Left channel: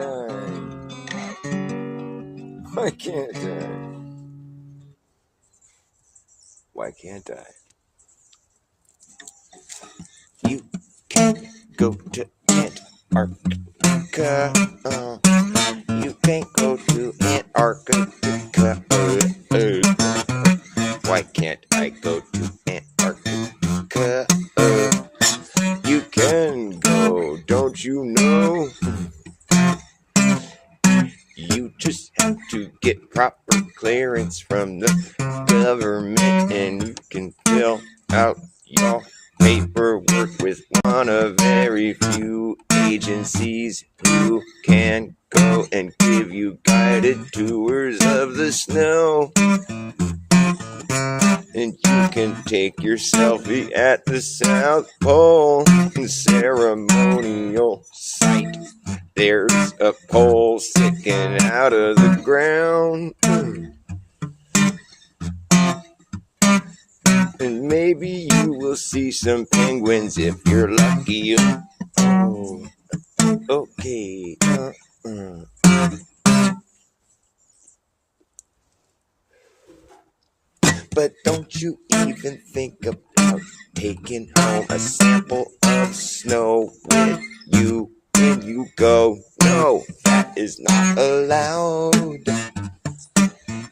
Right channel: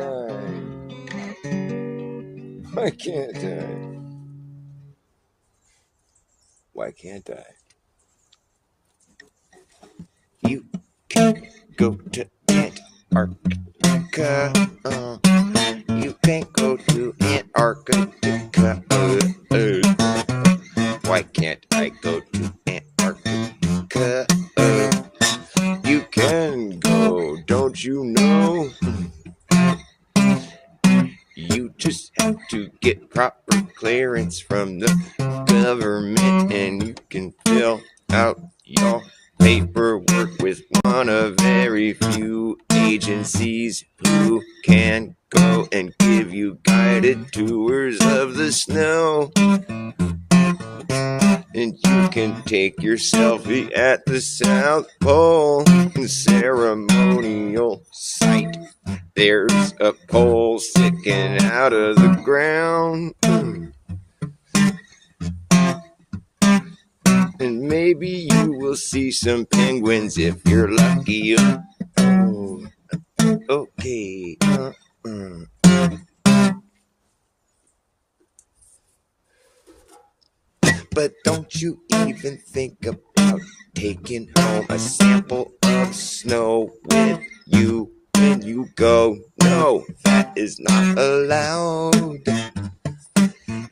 I? Why can't I? Why can't I? You can't go to Antarctica. You can't go to Antarctica. Why can't I go to Antarctica? You can go, don't you know? You just have to get proper clearance from the government, and you can fill out your paperwork with one of very few agencies who can go and give you guided tours of the snow. And you can take your selfie at the South Pole ceremonial site. There's a pole sticking out of the ground. And maybe you will see some penguins if you're lucky. Oh, okay. But don't you even think about taking home a sample of snow with you when you go. No, that is not allowed.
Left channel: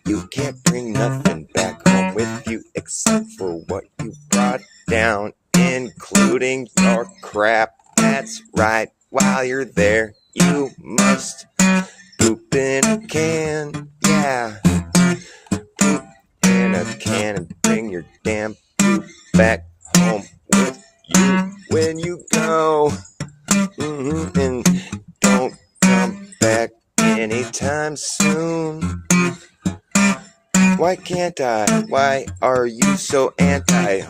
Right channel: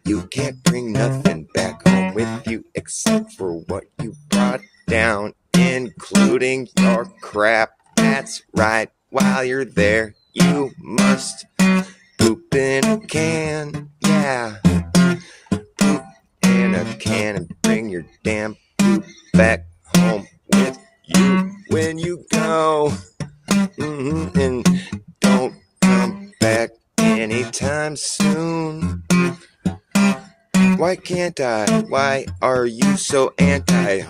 You can't bring nothing back home with you except for what you brought down, including your crap. That's right, while you're there, you must poop in a can. Yeah, poop in a can and bring your damn poop back home with you when you go. And don't come back anytime soon. Why can't I? Why are you so anti?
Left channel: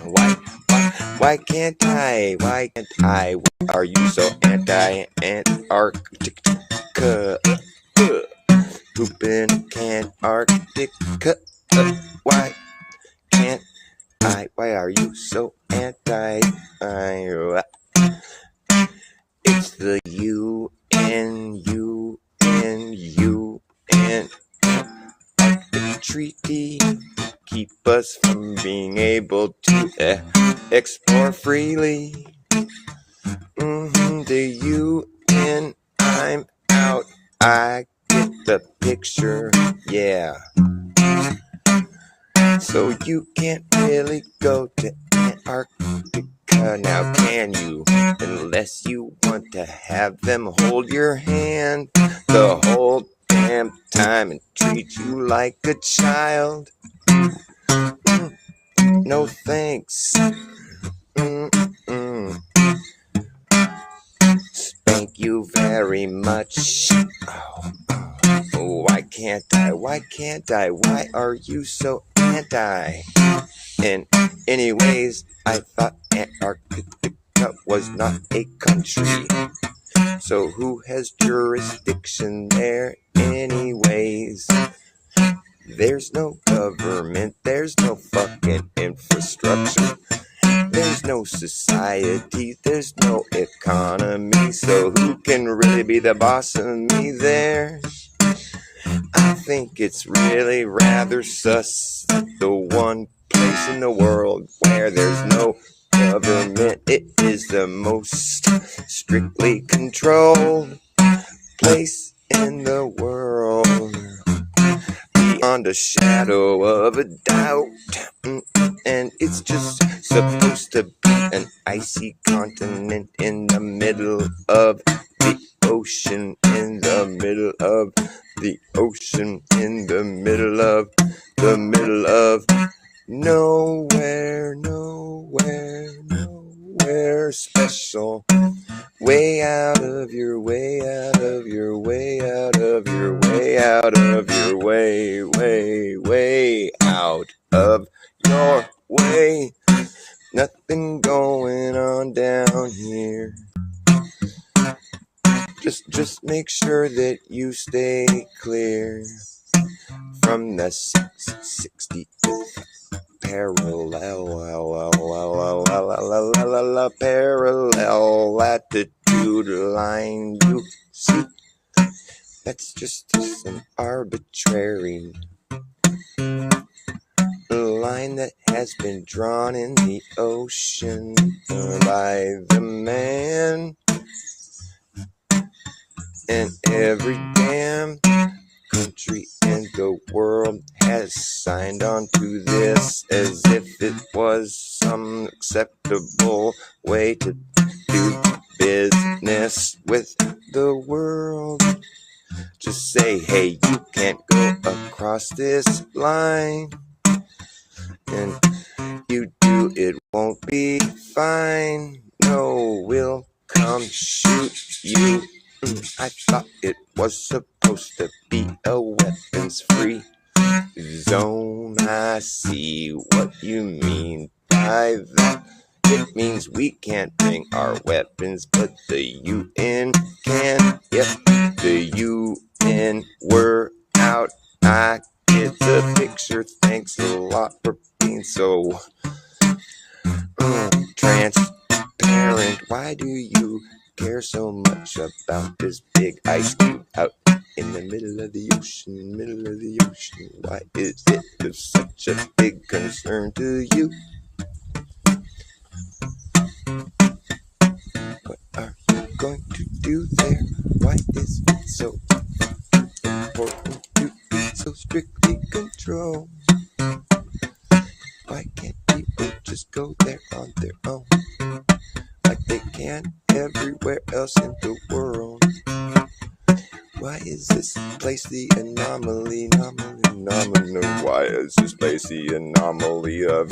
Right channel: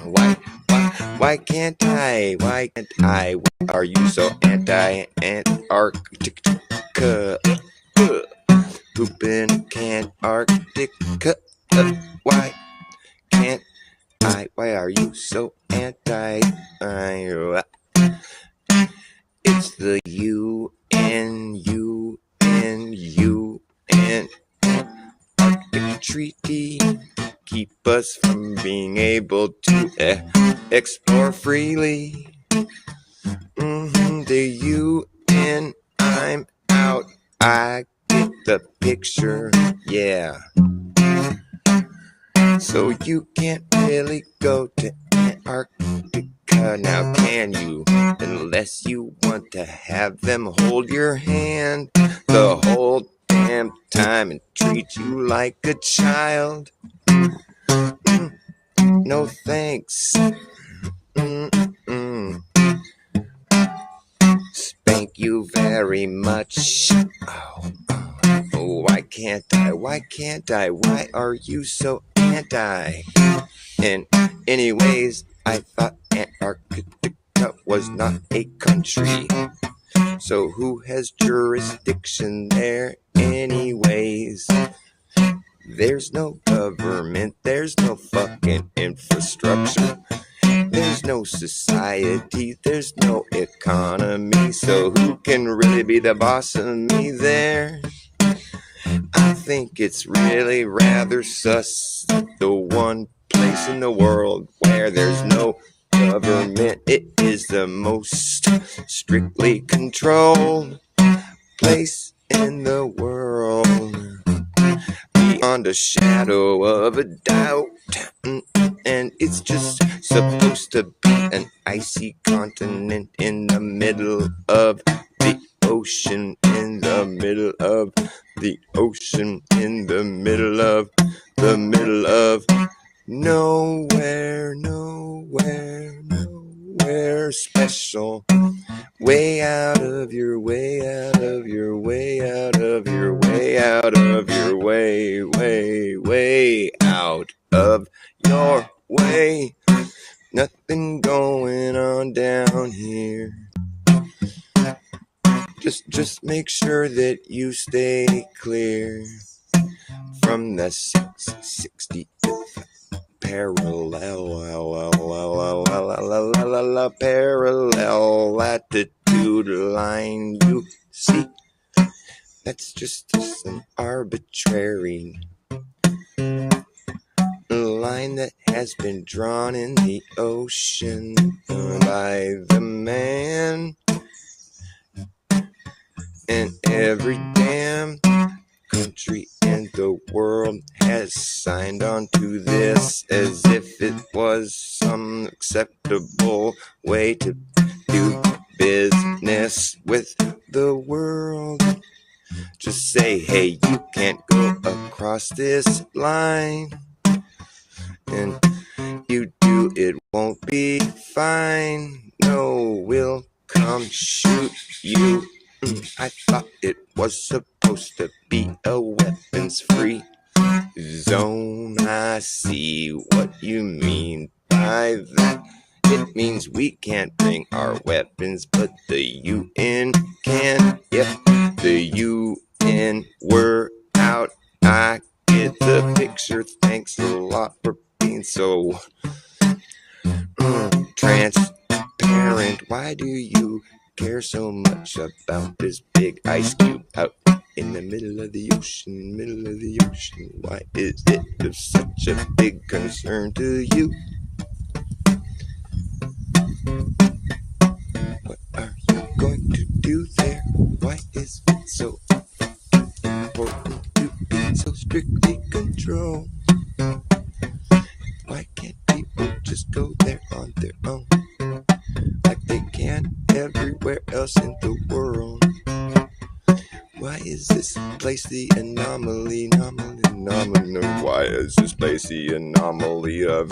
Why can't I? Why can't I? Why are you so anti-Antarctica? Poop in Antarctica. Why can't I? Why are you so anti? It's the UN treaty keep us from being able to explore freely. The UN, I'm out. I get the picture, yeah. So you can't really go to Antarctica now, can you? Unless you want to have them hold your hand the whole damn time and treat you like a child. No thanks. Thank you very much. Why can't I? Why can't I? Why are you so anti? And anyways, I thought Antarctica was not a country. So who has jurisdiction there anyways? There's no government, there's no fucking infrastructure. There's no society, there's no economy. So who can really be the boss of me there? I think it's really rather sus. The one place in the world where there's no government, it is the most strictly controlled place in the world, beyond a shadow of a doubt. And it's just supposed to be an icy continent in the middle of the ocean, in the middle of the ocean, in the middle of nowhere, special. Way out of your way, out of your way, out of your way, out of your way, way out of your way. Nothing going on down here. Just make sure that you stay clear from the 60 parallel latitude line. You see, That's just some arbitrary line that has been drawn in the ocean by the man. And every damn country in the world has signed on to this as if it was some acceptable way to do business with the world. Just say, hey, you can't go across this line. And you do, it won't be fine. No, we'll come shoot you. I thought it was supposed to be a weapons-free zone. I see what you mean by that. It means we can't bring our weapons, but the UN can. If the UN were out, I get the picture. Thanks a lot for being so transparent. Why do you care so much about this big ice cube out in the middle of the ocean, Why is it of such a big concern to you? What are you going to do there? Why is it so important to be so strictly controlled? Why can't people just go there on their own, like they can everywhere else in the world? Why is this place the anomaly? Why is this place the anomaly of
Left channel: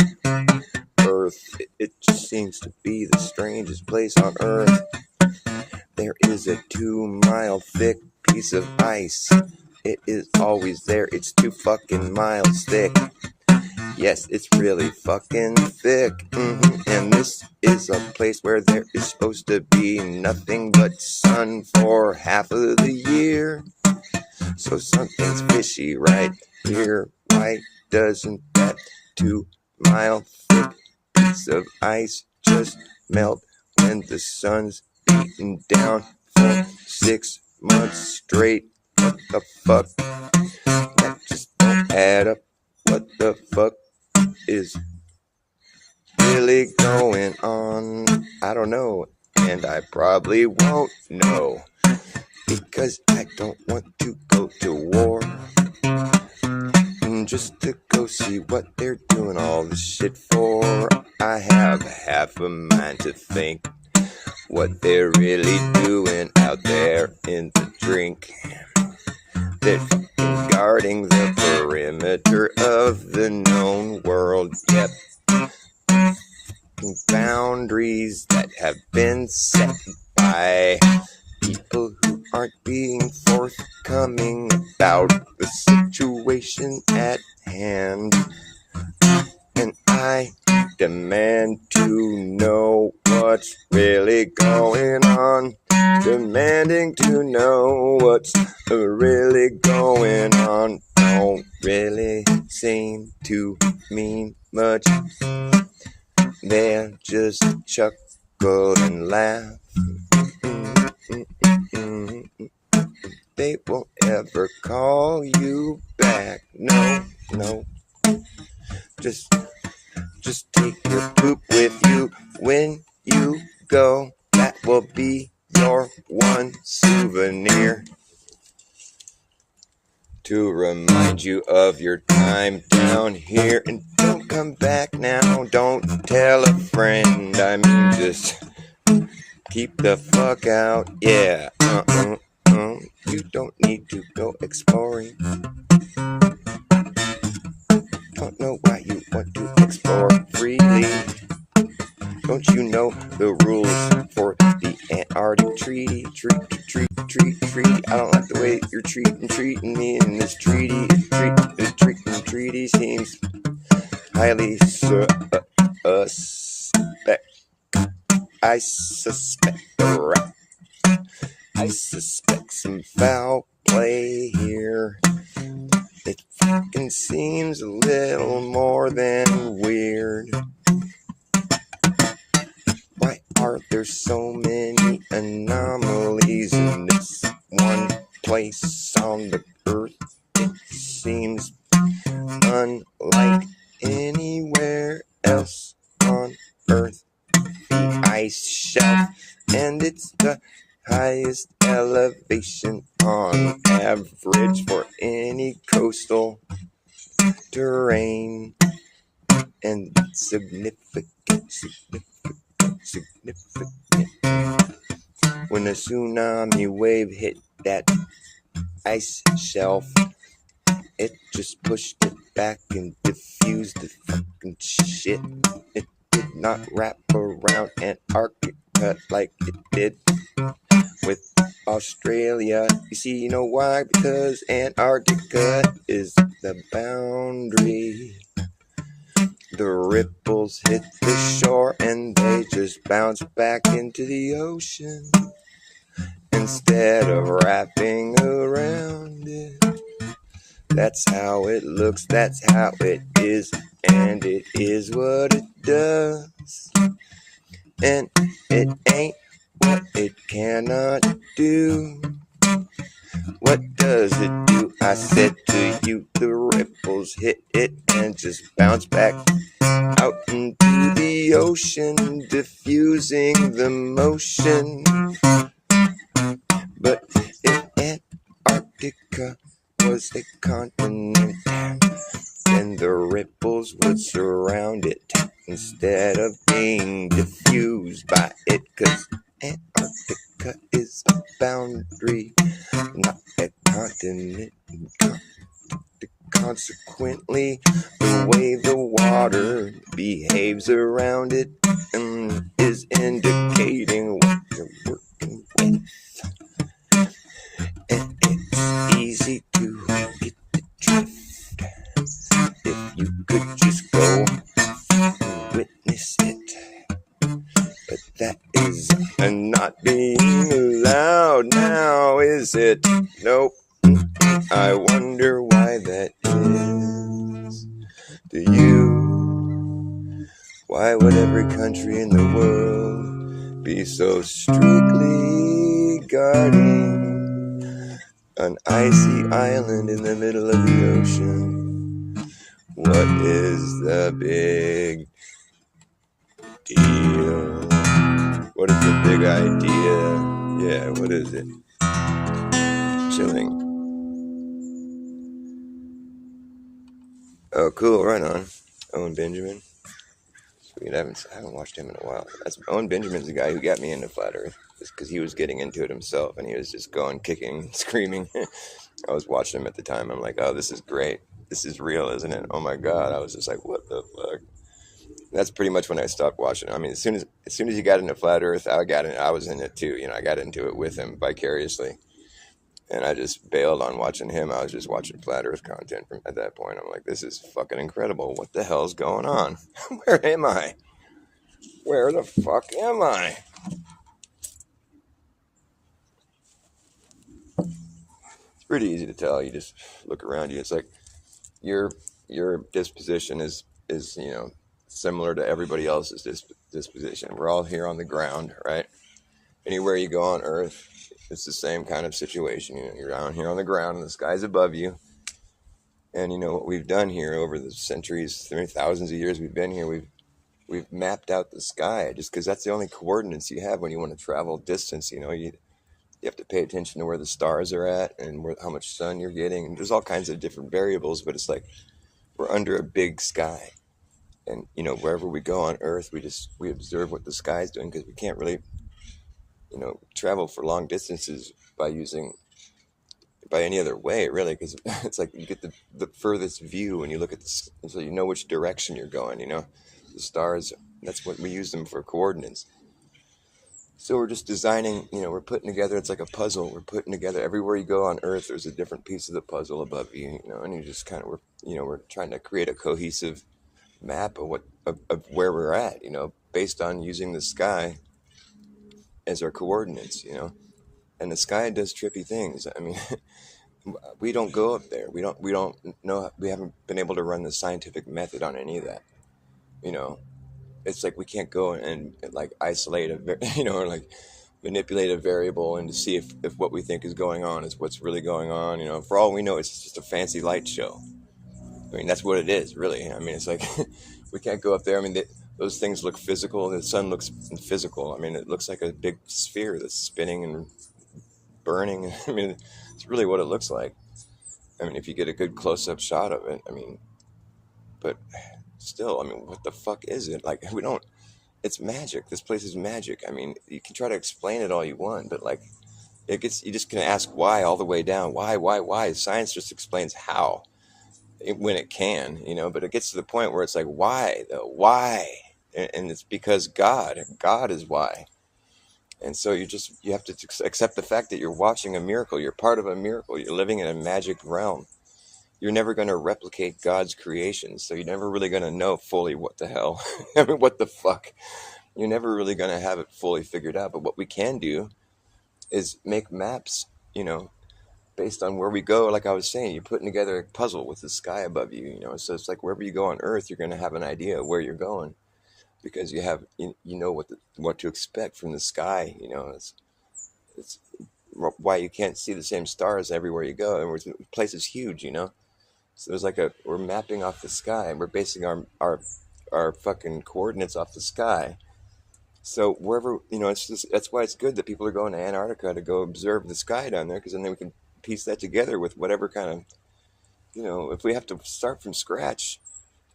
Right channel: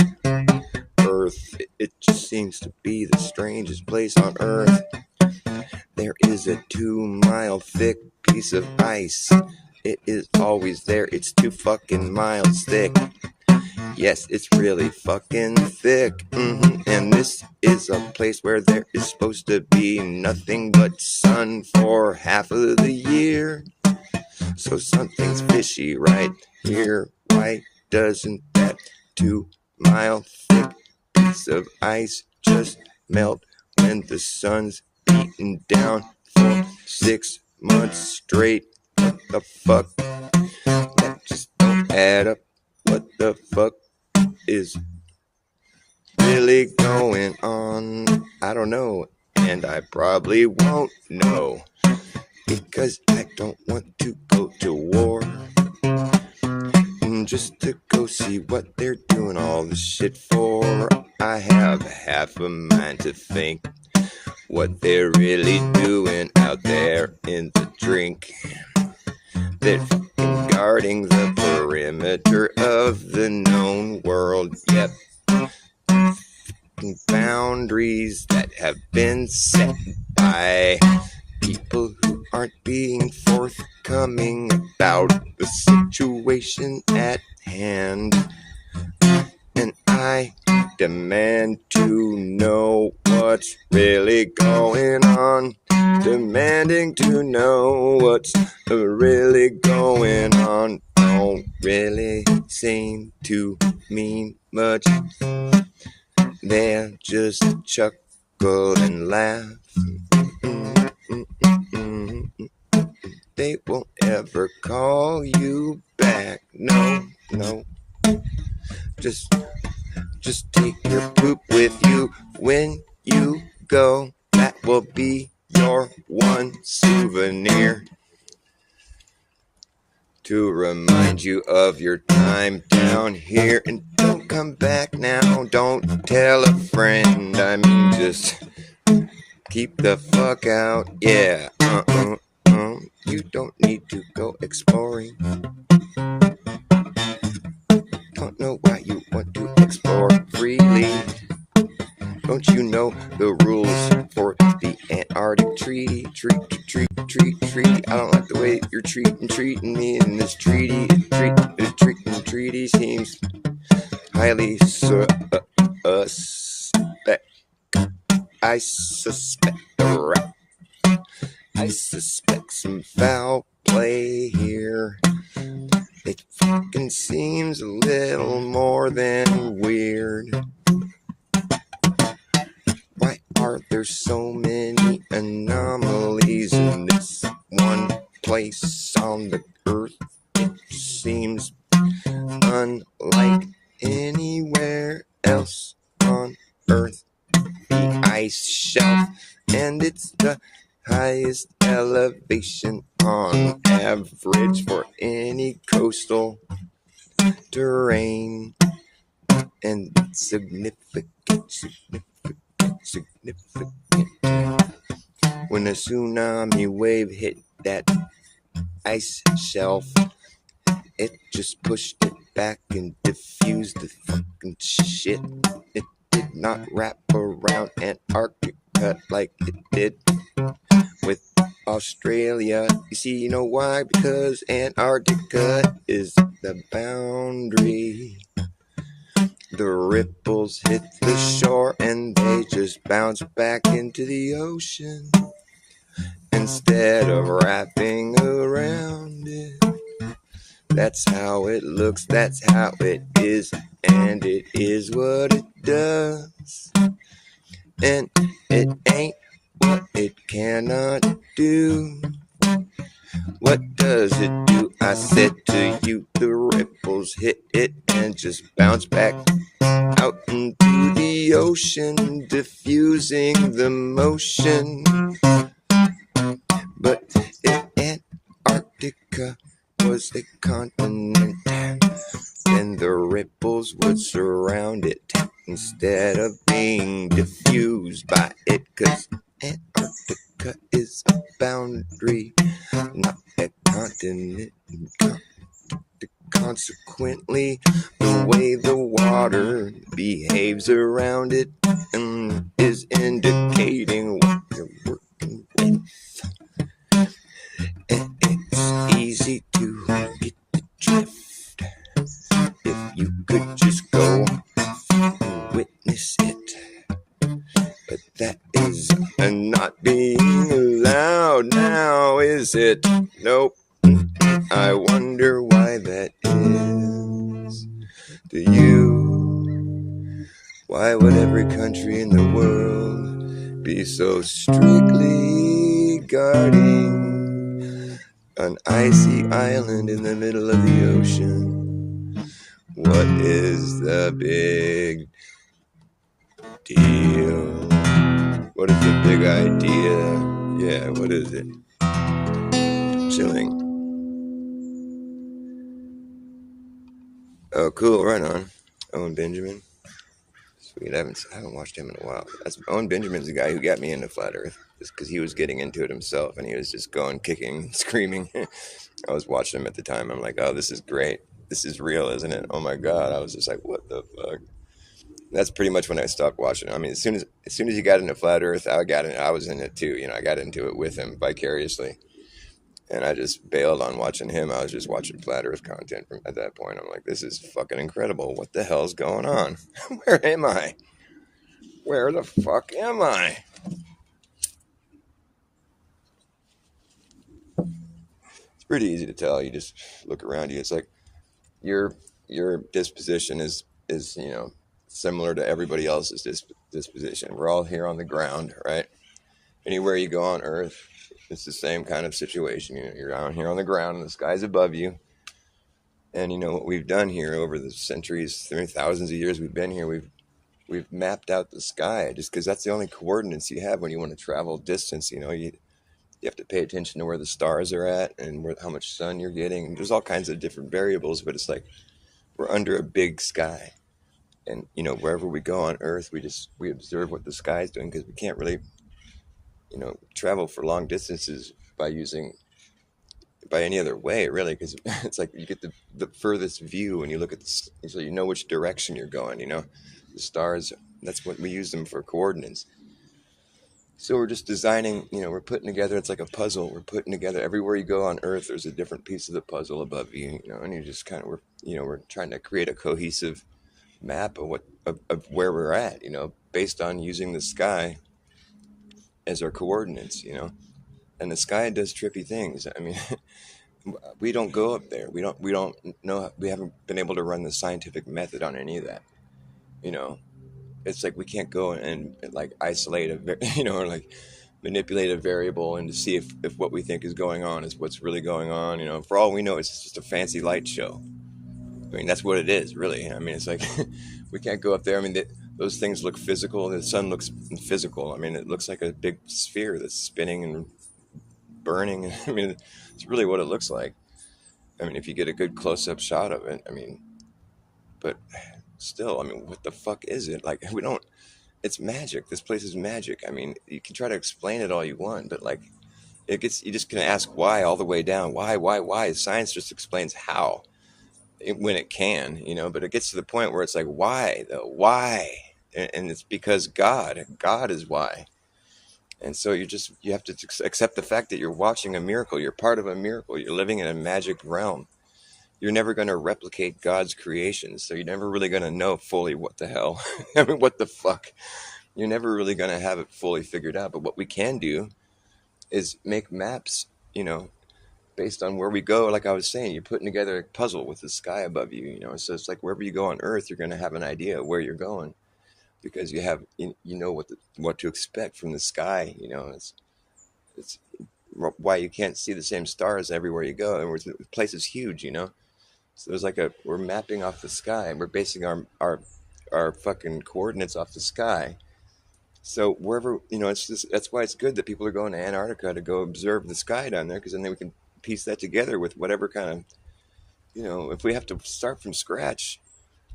Earth? It just seems to be the strangest place on Earth. There is a 2-mile thick piece of ice. It is always there. It's 2 fucking miles thick. Yes, it's really fucking thick. And this is a place where there is supposed to be nothing but sun for half of the year. So something's fishy right here. Why doesn't that 2-mile thick piece of ice just melt when the sun's beating down for 6 months straight? What the fuck? That just don't add up. What the fuck is really going on? I don't know, and I probably won't know, because I don't want to go to war, just to go see what they're doing all this shit for. I have half a mind to think what they're really doing out there in the drink. They're guarding the perimeter of the known world. Yep. Boundaries that have been set by people who aren't being forthcoming about the situation at hand. And I demand to know what's really going on. Demanding to know what's really going on. Don't really seem to mean much. They'll just chuckle and laugh. They won't ever call you back. No. Just take your poop with you when you go. That will be your one souvenir to remind you of your time down here. And don't come back now. Don't tell a friend. I mean, just keep the fuck out. Yeah. You don't need to go exploring. Don't know why you want to explore freely. Don't you know the rules for the Antarctic Treaty? Treaty. I don't like the way you're treating me in this treaty. The treaty seems highly suspect. I suspect some foul play here. It fucking seems a little more than weird. Why are there so many anomalies in this one place? place on the earth. It seems unlike anywhere else on earth. The ice shelf, and it's the highest elevation on average for any coastal terrain. And significant. When a tsunami wave hit that ice shelf, it just pushed it back and diffused the fucking shit. It did not wrap around Antarctica like it did with Australia. You see, you know why? Because Antarctica is the boundary. The ripples hit the shore and they just bounce back into the ocean instead of wrapping around it. That's how it looks, that's how it is, and it is what it does. And it ain't what it cannot do. What does it do? I said to you, the ripples hit it and just bounce back out into the ocean, diffusing the motion. But if Antarctica was a continent, then the ripples would surround it instead of being diffused by it, 'cause Antarctica is a boundary, not a continent. Consequently, the way the water behaves around it is indicating what you're working with. And it's easy to get the drift if you could just go and witness it. But that is not being allowed now, is it? Nope. I wonder why that is. Do you? Why would every country in the world be so strictly guarding an icy island in the middle of the ocean? What is the big deal? What is the big idea? Yeah, what is it? Chilling. Oh, cool, right on. Owen Benjamin. Sweet, I haven't watched him in a while. Owen Benjamin's the guy who got me into Flat Earth, just because he was getting into it himself, and he was just going, kicking, screaming. I was watching him at the time, I'm like, oh, this is great. This is real, isn't it? Oh my God, I was just like, what the fuck? That's pretty much when I stopped watching. I mean, as soon as he got into Flat Earth, I was in it too. You know, I got into it with him vicariously. And I just bailed on watching him. I was just watching Flat Earth content at that point. I'm like, this is fucking incredible. What the hell's going on? Where am I? Where the fuck am I? It's pretty easy to tell. You just look around you. It's like your disposition is you know, similar to everybody else's disposition. We're all here on the ground, right? Anywhere you go on Earth, it's the same kind of situation. You know, you're out here on the ground and the sky's above you. And you know what we've done here over the centuries, thousands of years we've been here, we've mapped out the sky, just because that's the only coordinates you have when you want to travel distance. You know, you have to pay attention to where the stars are at and how much sun you're getting. And there's all kinds of different variables, but it's like we're under a big sky. And you know, wherever we go on Earth, we observe what the sky's doing, because we can't really, you know, travel for long distances by any other way, really, because it's like you get the furthest view and you look at so you know which direction you're going. You know, the stars, that's what we use them for coordinates. So we're just designing, you know, we're putting together, it's like a puzzle. We're putting together, everywhere you go on Earth, there's a different piece of the puzzle above you, you know, and you just kind of, we're trying to create a cohesive map of where we're at, you know, based on using the sky as our coordinates, you know. And the sky does trippy things. I mean, we don't go up there. We don't know. We haven't been able to run the scientific method on any of that. You know, it's like we can't go and like isolate a, you know, or like manipulate a variable and to see if what we think is going on is what's really going on. You know, for all we know, it's just a fancy light show. I mean, that's what it is, really. I mean, it's like we can't go up there. I mean, those things look physical. The sun looks physical. I mean, it looks like a big sphere that's spinning and burning. I mean, it's really what it looks like. I mean, if you get a good close-up shot of it, I mean, but still, I mean, what the fuck is it? Like, we don't. It's magic. This place is magic. I mean, you can try to explain it all you want, but like, it gets. You just can ask why all the way down. Why? Science just explains how. When it can, you know, but it gets to the point where it's like, why though? Why? And it's because God is why. And so you have to accept the fact that you're watching a miracle. You're part of a miracle. You're living in a magic realm. You're never going to replicate God's creations. So you're never really going to know fully what the hell. I mean, what the fuck? You're never really going to have it fully figured out. But what we can do is make maps, you know, based on where we go. Like I was saying, you're putting together a puzzle with the sky above you, you know. So it's like wherever you go on Earth, you're going to have an idea of where you're going because you know what to expect from the sky. You know, it's why you can't see the same stars everywhere you go. And the place is huge, you know. So there's like we're mapping off the sky, and we're basing our fucking coordinates off the sky. So wherever, you know, it's just, that's why it's good that people are going to Antarctica to go observe the sky down there, because then we can piece that together with whatever kind of, you know, if we have to start from scratch,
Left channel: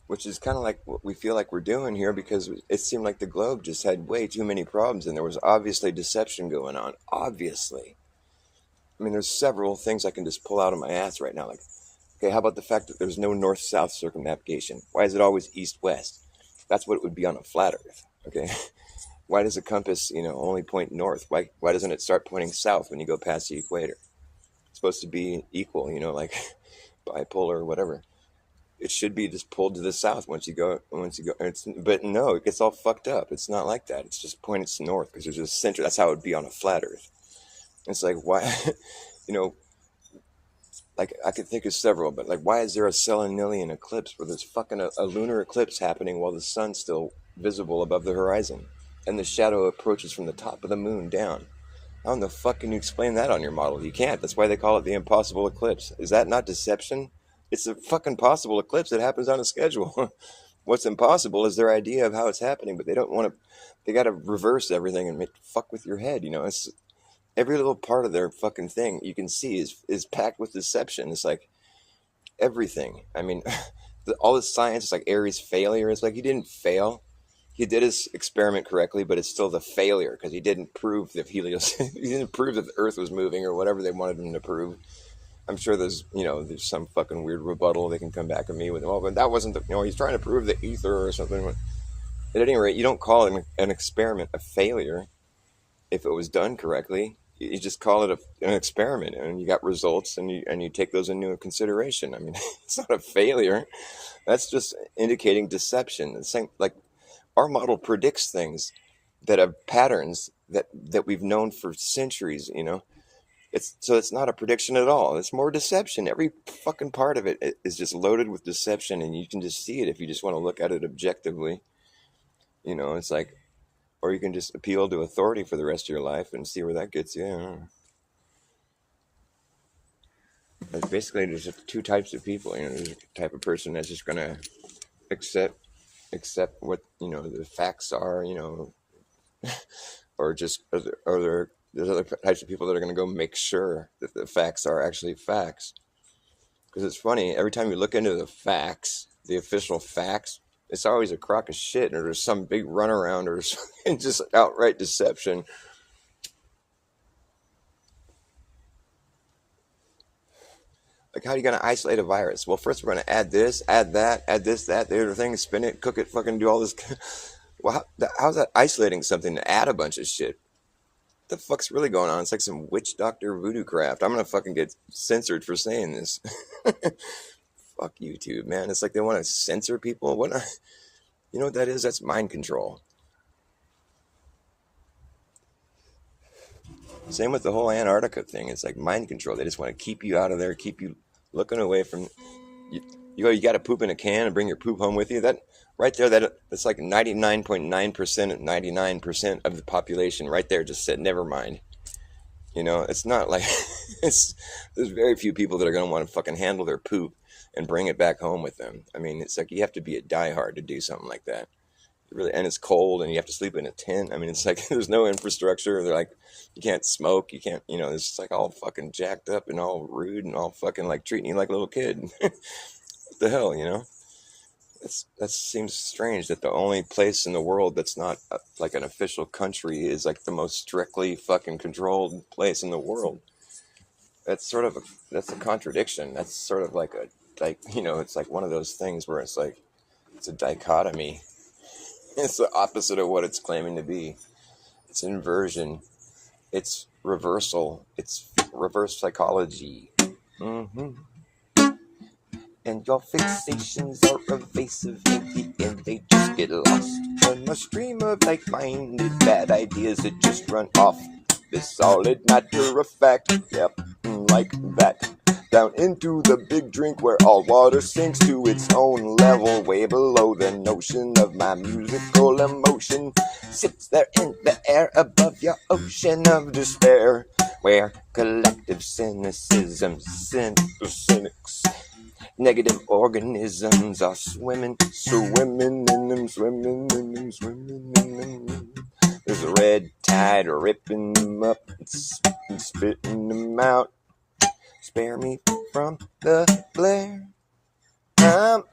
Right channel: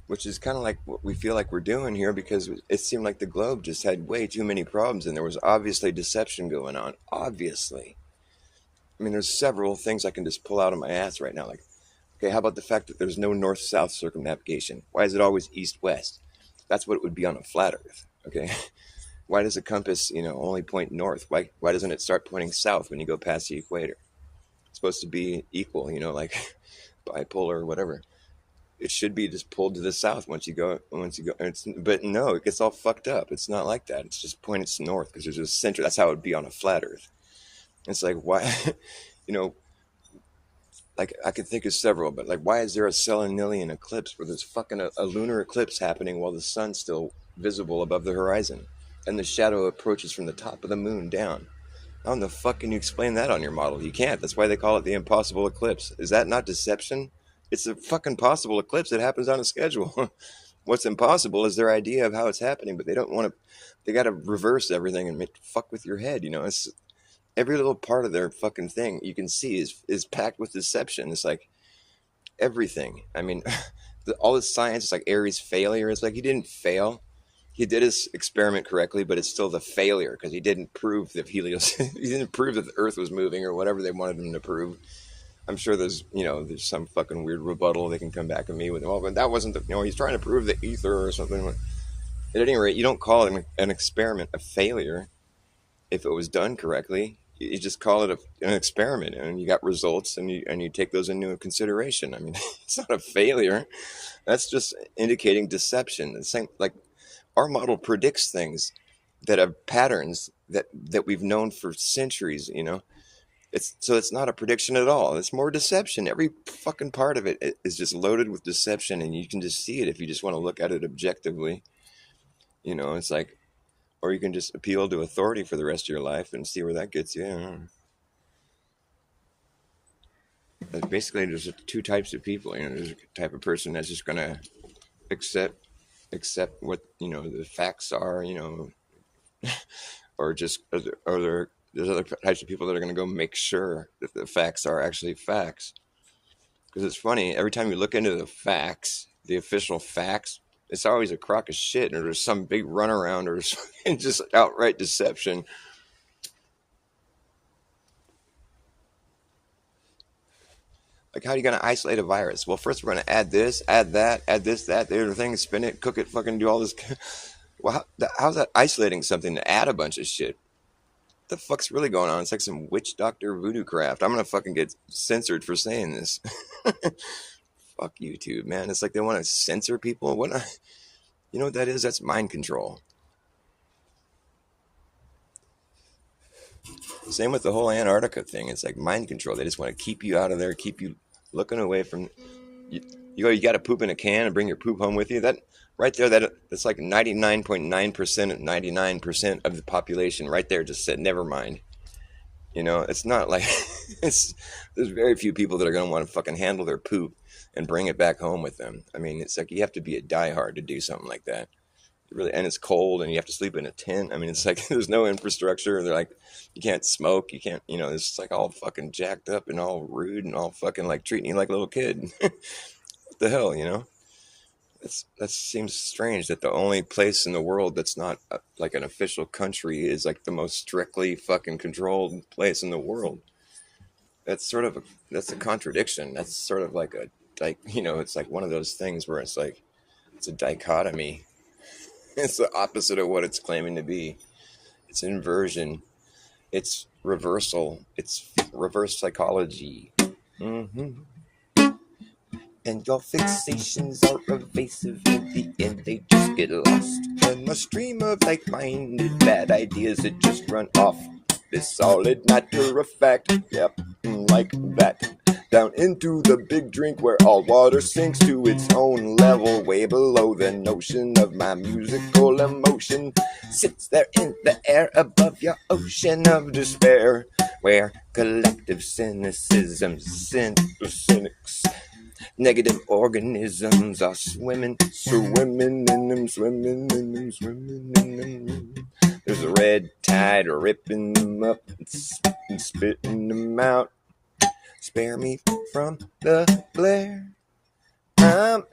which is kind of like what we feel like we're doing here, because it seemed like the globe just had way too many problems, and there was obviously deception going on. Obviously. I mean, there's several things I can just pull out of my ass right now. Like, okay, how about the fact that there's no north-south circumnavigation? Why is it always east-west? That's what it would be on a flat Earth, okay? Why does a compass, you know, only point north? Why doesn't it start pointing south when you go past the equator? It's supposed to be equal, you know, like bipolar or whatever. It should be just pulled to the south once you go. But no, it gets all fucked up. It's not like that. It's just pointed north because there's a center. That's how it would be on a flat Earth. It's like, why, you know, like I could think of several, but like, why is there a Selenilian eclipse where there's fucking a lunar eclipse happening while the sun's still visible above the horizon? And the shadow approaches from the top of the moon down. How in the fuck can you explain that on your model? You can't. That's why they call it the impossible eclipse. Is that not deception? It's a fucking possible eclipse that happens on a schedule. What's impossible is their idea of how it's happening, but they don't want to. They got to reverse everything and fuck with your head. You know, it's every little part of their fucking thing you can see is packed with deception. It's like everything. I mean, all this science is like Aries' failure. It's like he didn't fail. He did his experiment correctly, but it's still the failure because he didn't prove that he didn't prove that the Earth was moving or whatever they wanted him to prove. I'm sure there's some fucking weird rebuttal they can come back at me with. Oh, but that wasn't he's trying to prove the ether or something. At any rate, you don't call it an experiment a failure if it was done correctly. You just call it an experiment, and you got results, and you take those into consideration. I mean, it's not a failure. That's just indicating deception. The same, like, our model predicts things that have patterns that we've known for centuries, you know. It's not a prediction at all. It's more deception. Every fucking part of it is just loaded with deception, and you can just see it if you just want to look at it objectively. You know, it's like, or you can just appeal to authority for the rest of your life and see where that gets you. And basically, there's two types of people. You know, there's a type of person that's just gonna accept what, you know, the facts are, you know, or there's other types of people that are going to go make sure that the facts are actually facts. Because it's funny, every time you look into the facts, the official facts, it's always a crock of shit, or there's some big runaround, or just outright deception. Like, how are you going to isolate a virus? Well, first we're going to add this, add that, add this, that, the other thing, spin it, cook it, fucking do all this. Well, how's that isolating something to add a bunch of shit? What the fuck's really going on? It's like some witch doctor voodoo craft. I'm going to fucking get censored for saying this. Fuck YouTube, man. It's like they want to censor people. You know what that is? That's mind control. Same with the whole Antarctica thing. It's like mind control. They just want to keep you out of there, keep you looking away from you. You got to poop in a can and bring your poop home with you. That right there, that's like 99.9% of 99% of the population right there just said, never mind. You know, it's not like there's very few people that are going to want to fucking handle their poop and bring it back home with them. I mean, it's like you have to be a diehard to do something like that. Really, and it's cold and you have to sleep in a tent. I mean, it's like there's no infrastructure. They're like, you can't smoke, you can't, you know, it's just like all fucking jacked up and all rude and all fucking like treating you like a little kid. What the hell, you know? That seems strange that the only place in the world that's not like an official country is like the most strictly fucking controlled place in the world. That's a contradiction. That's sort of like you know, it's like one of those things where it's like, it's a dichotomy. It's the opposite of what it's claiming to be. It's inversion. It's reversal. It's reverse psychology. Mm-hmm. And your fixations are evasive. In the end, they just get lost in a stream of like-minded bad ideas that just run off this solid matter of fact. Yep, like that. Down into the big drink where all water sinks to its own level, way below the notion of my musical emotion. Sits there in the air above your ocean of despair, where collective cynicism, cynics, negative organisms are swimming in them, swimming in them, swimming in them. There's a red tide ripping them up and spitting them out. Spare me from the glare. I'm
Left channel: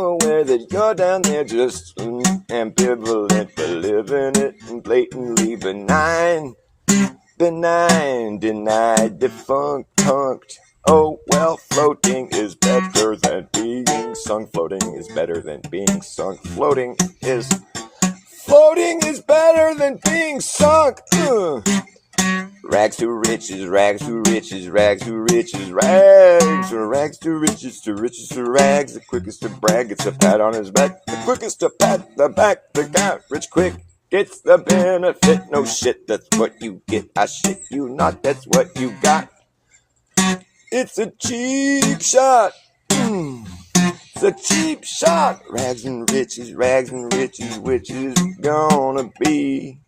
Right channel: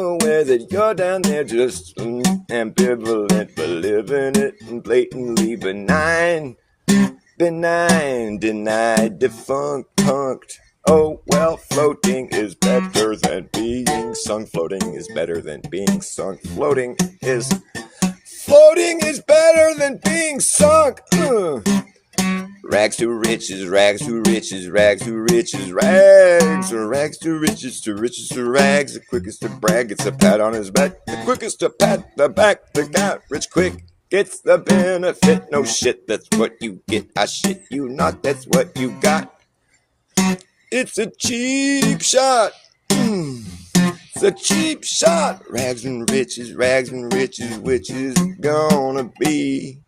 aware that you're down there just ambivalent, living it and blatantly benign, denied, defunct. Oh well, floating is better than being sung. Floating is better than being sunk. Floating is better than being sunk. Rags to riches, rags to riches, rags to riches, rags to riches, to riches to rags. The quickest to brag gets a pat on his back. The quickest to pat the back that got rich quick gets the benefit. No shit, that's what you get. I shit you not, that's what you got. It's a cheap shot. It's a cheap shot. Rags and riches, which is gonna be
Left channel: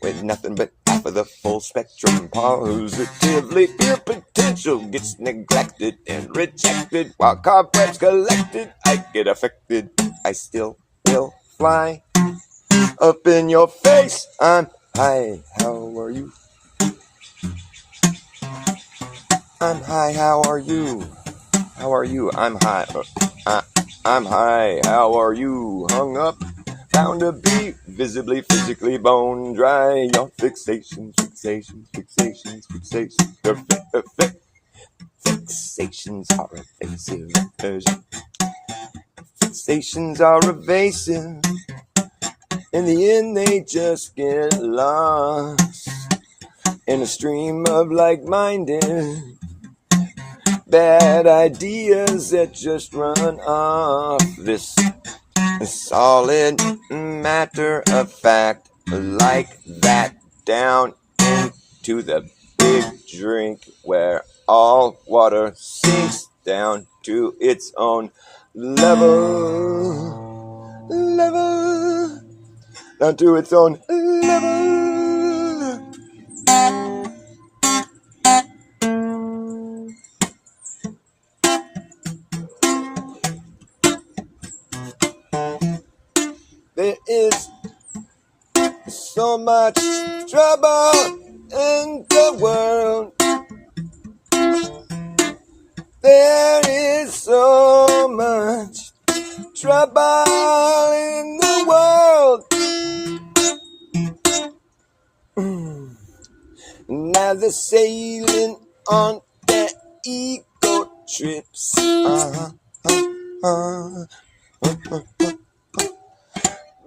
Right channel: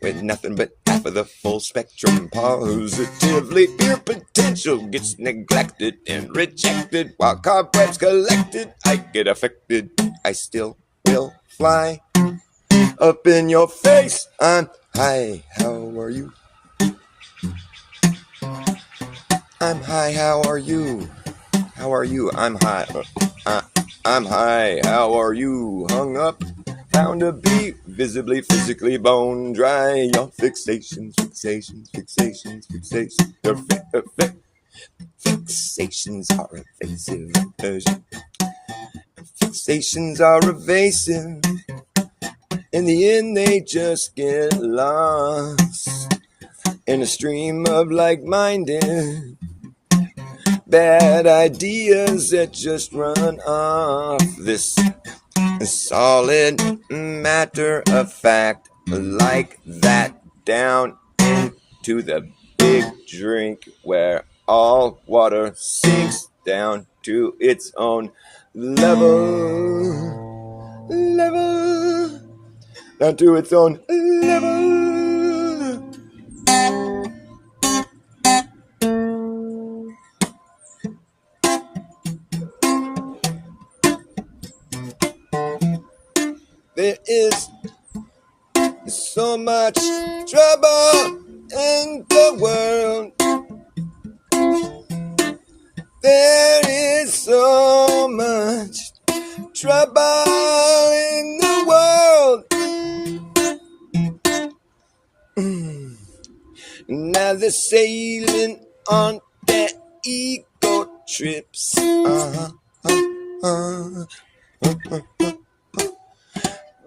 with nothing but half of the full spectrum. Positively pure potential gets neglected and rejected while cobwebs collected. I get affected. I still will fly up in your face. I'm high. How are you? I'm high. How are you? How are you? I'm high. I'm high. How are you? Hung up. Found to be visibly, physically bone dry. Your fixations are evasive. Fixations are evasive. In the end, they just get lost in a stream of like-minded bad ideas that just run off this solid matter of fact, like that, down into the big drink where all water sinks down to its own level, down to its own level. There is so much trouble in the world. There is so much trouble in the world. Now they're sailing on their ego trips.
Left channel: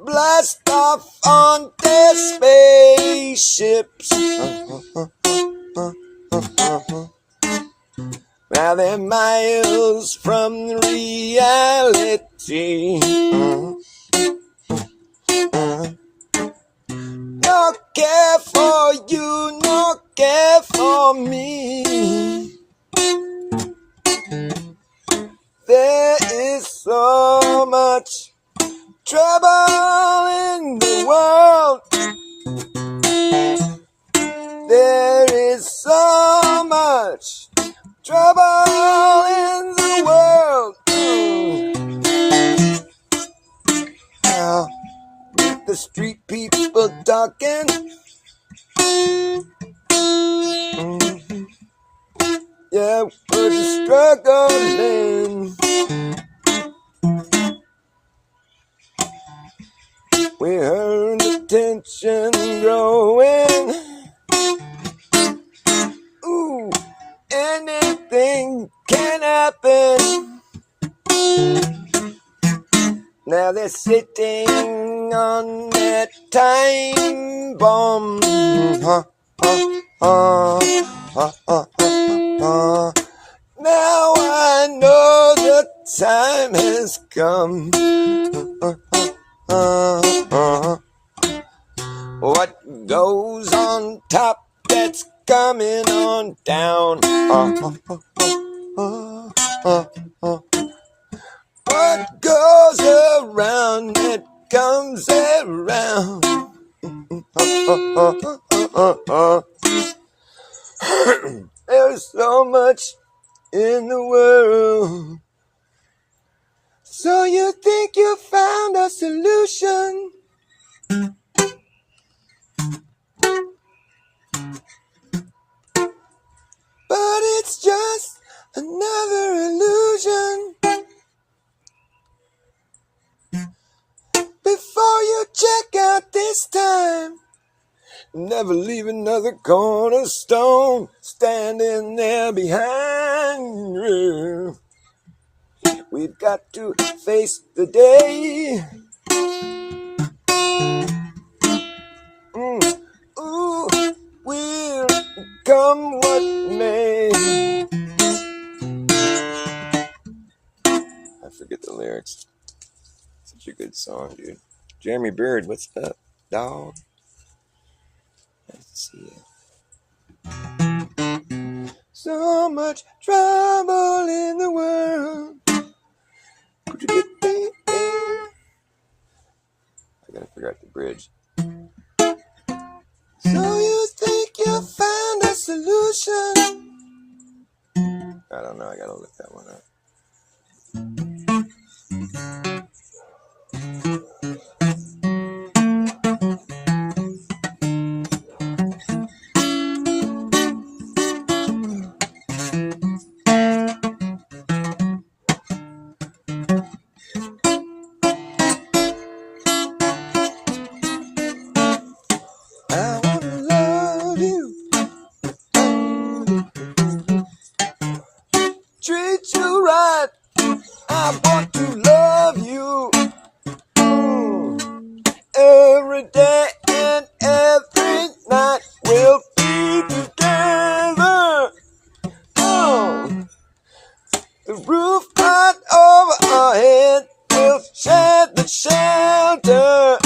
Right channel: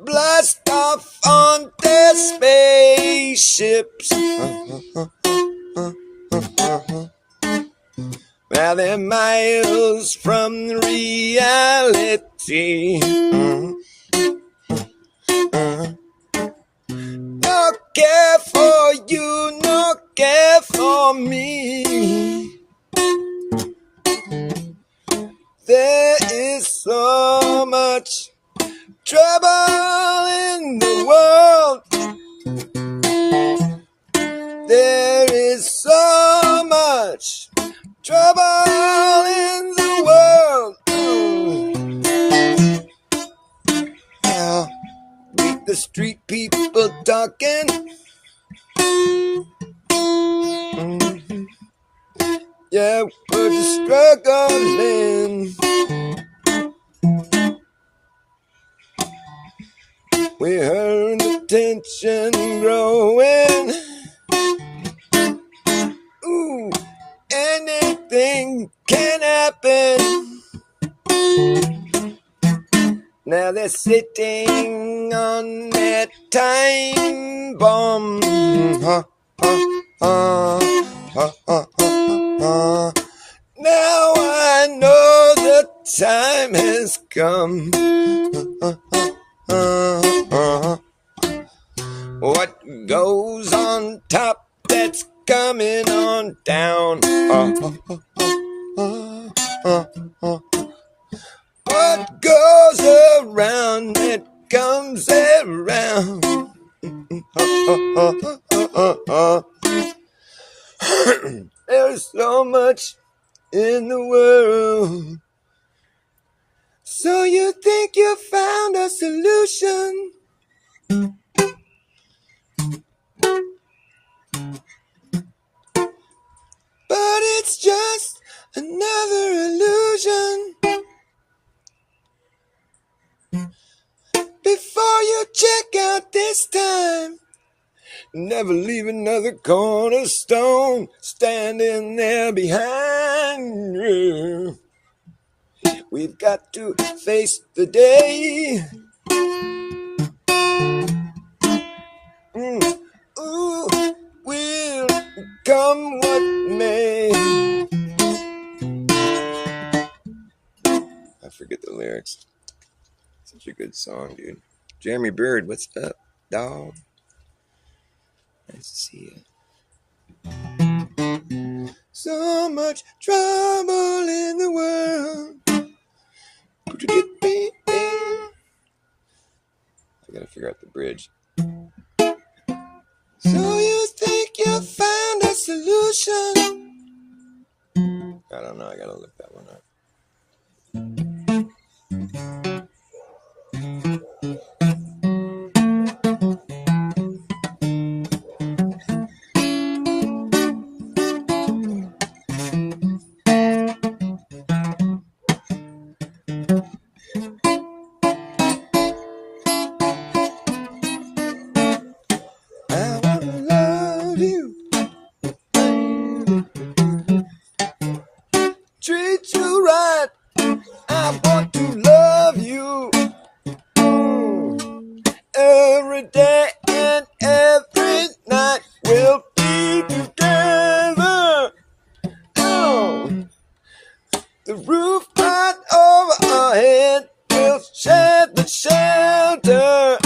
Blast off on their spaceships. Now they're miles from reality. No care for you, no care for me. There is so much trouble in the world. There is so much trouble in the world. Now, with the street people talking, yeah, we're just struggling. We heard the tension growing. Ooh, anything can happen. Now they're sitting on their time bomb. Now I know the time has come. What goes on top, that's coming on down. What goes around, it comes around. There's so much in the world. So you think you found a solution? But it's just another illusion. Before you check out this time, never leave another cornerstone standing there behind you. We've got to face the day. Ooh, will come what may. I forget the lyrics. Such a good song, dude. Jeremy Bird, what's up, dog? Nice to see you. So much trouble in the world. I gotta figure out the bridge. So you think you found a solution? I don't know, I gotta look that one up. Treat you right, I want to love you every day and every night. We'll be together. The roof right over our head, we'll share the shelter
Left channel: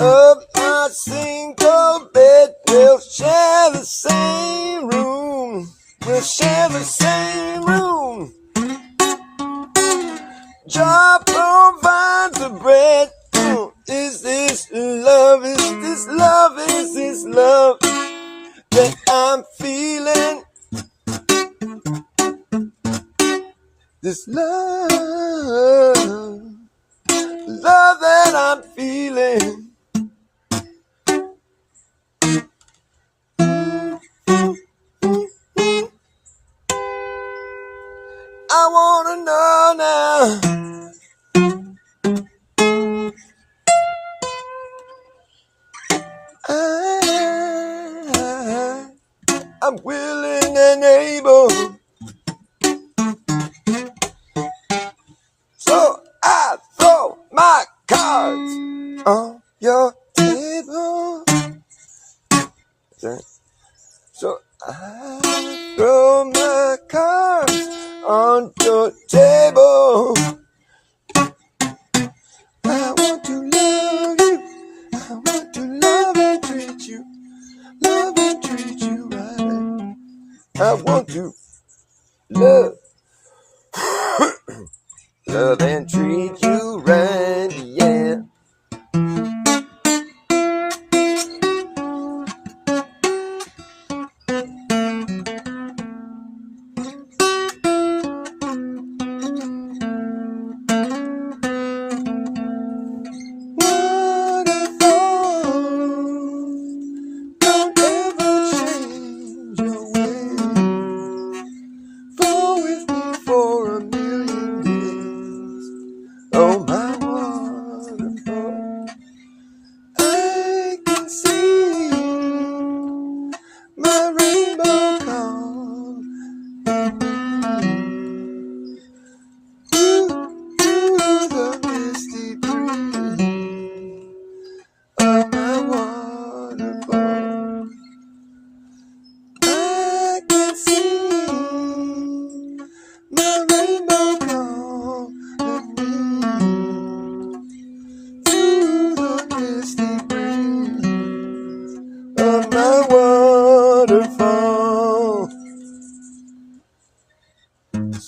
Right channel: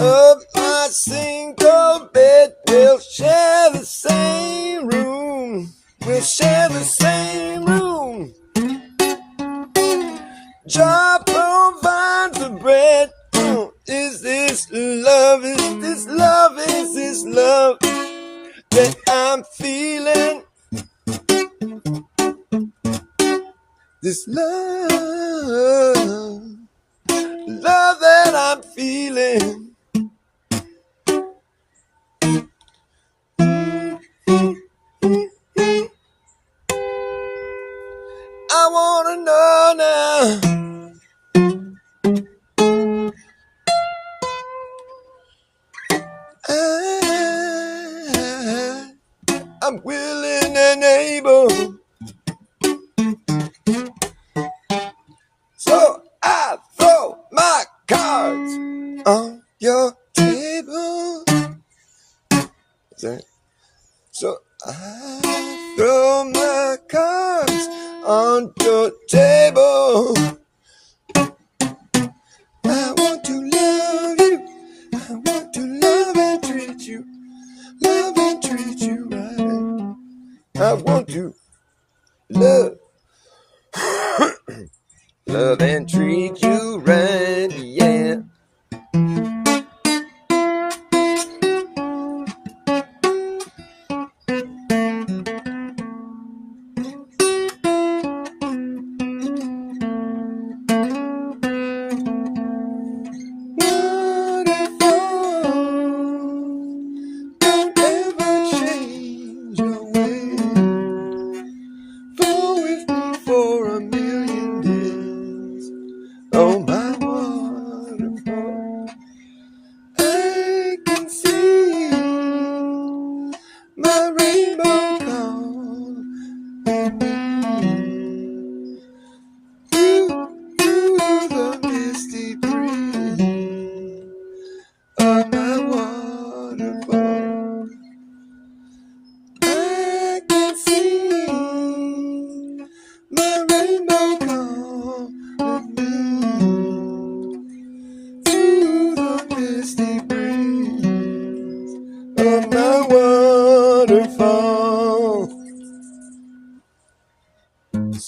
of my single bed. We'll share the same room. We'll share the same room. Job provides the bread. Is this love? Is this love? Is this love that I'm feeling? This love that I'm feeling. I wanna know now. I'm willing and able. So I throw my cards on your table. Is that? So I throw my cards on your table. I want to love you. I want to love and treat you. Love and treat you right. I want to love. Love and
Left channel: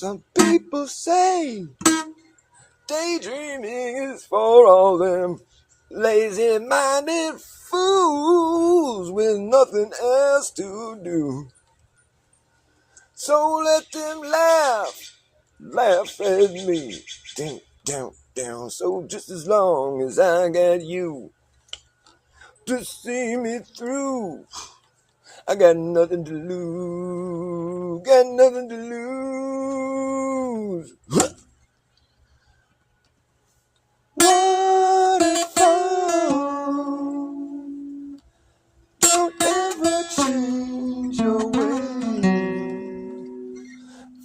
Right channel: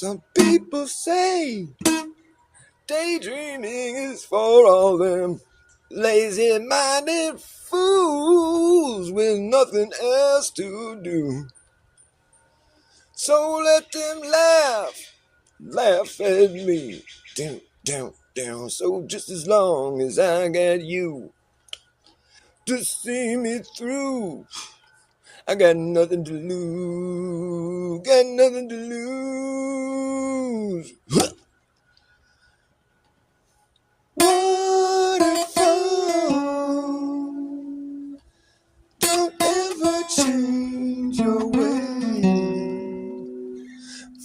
Some people say daydreaming is for all them lazy-minded fools with nothing else to do. So let them laugh at me, down, down, down. So just as long as I got you to see me through, I got nothing to lose, got nothing to lose. Waterfall, don't ever change your way.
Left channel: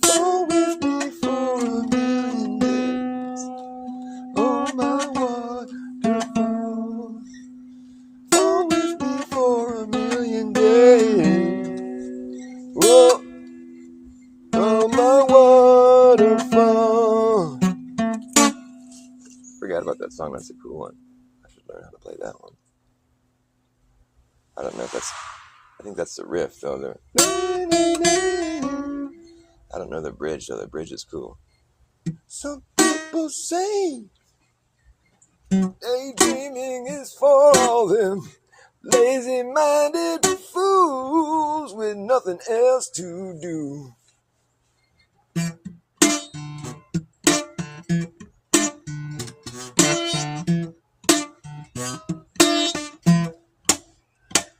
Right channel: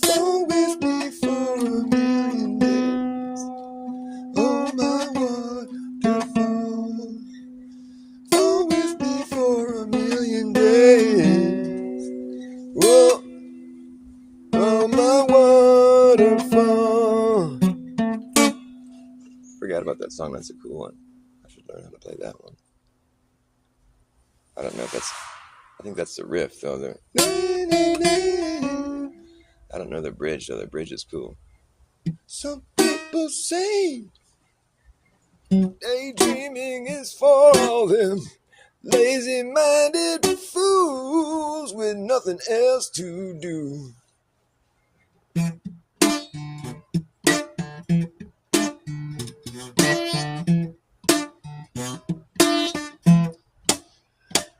Fall with me for a million days. Oh, my waterfall. Fall with me for a million days. Oh, oh, my waterfall. Forgot about that song. That's a cool one. I should learn how to play that one. I don't know if that's... I think that's the riff, though. I don't know the bridge, though. The bridge is cool. Some people say daydreaming is for all them lazy-minded fools with nothing else to do.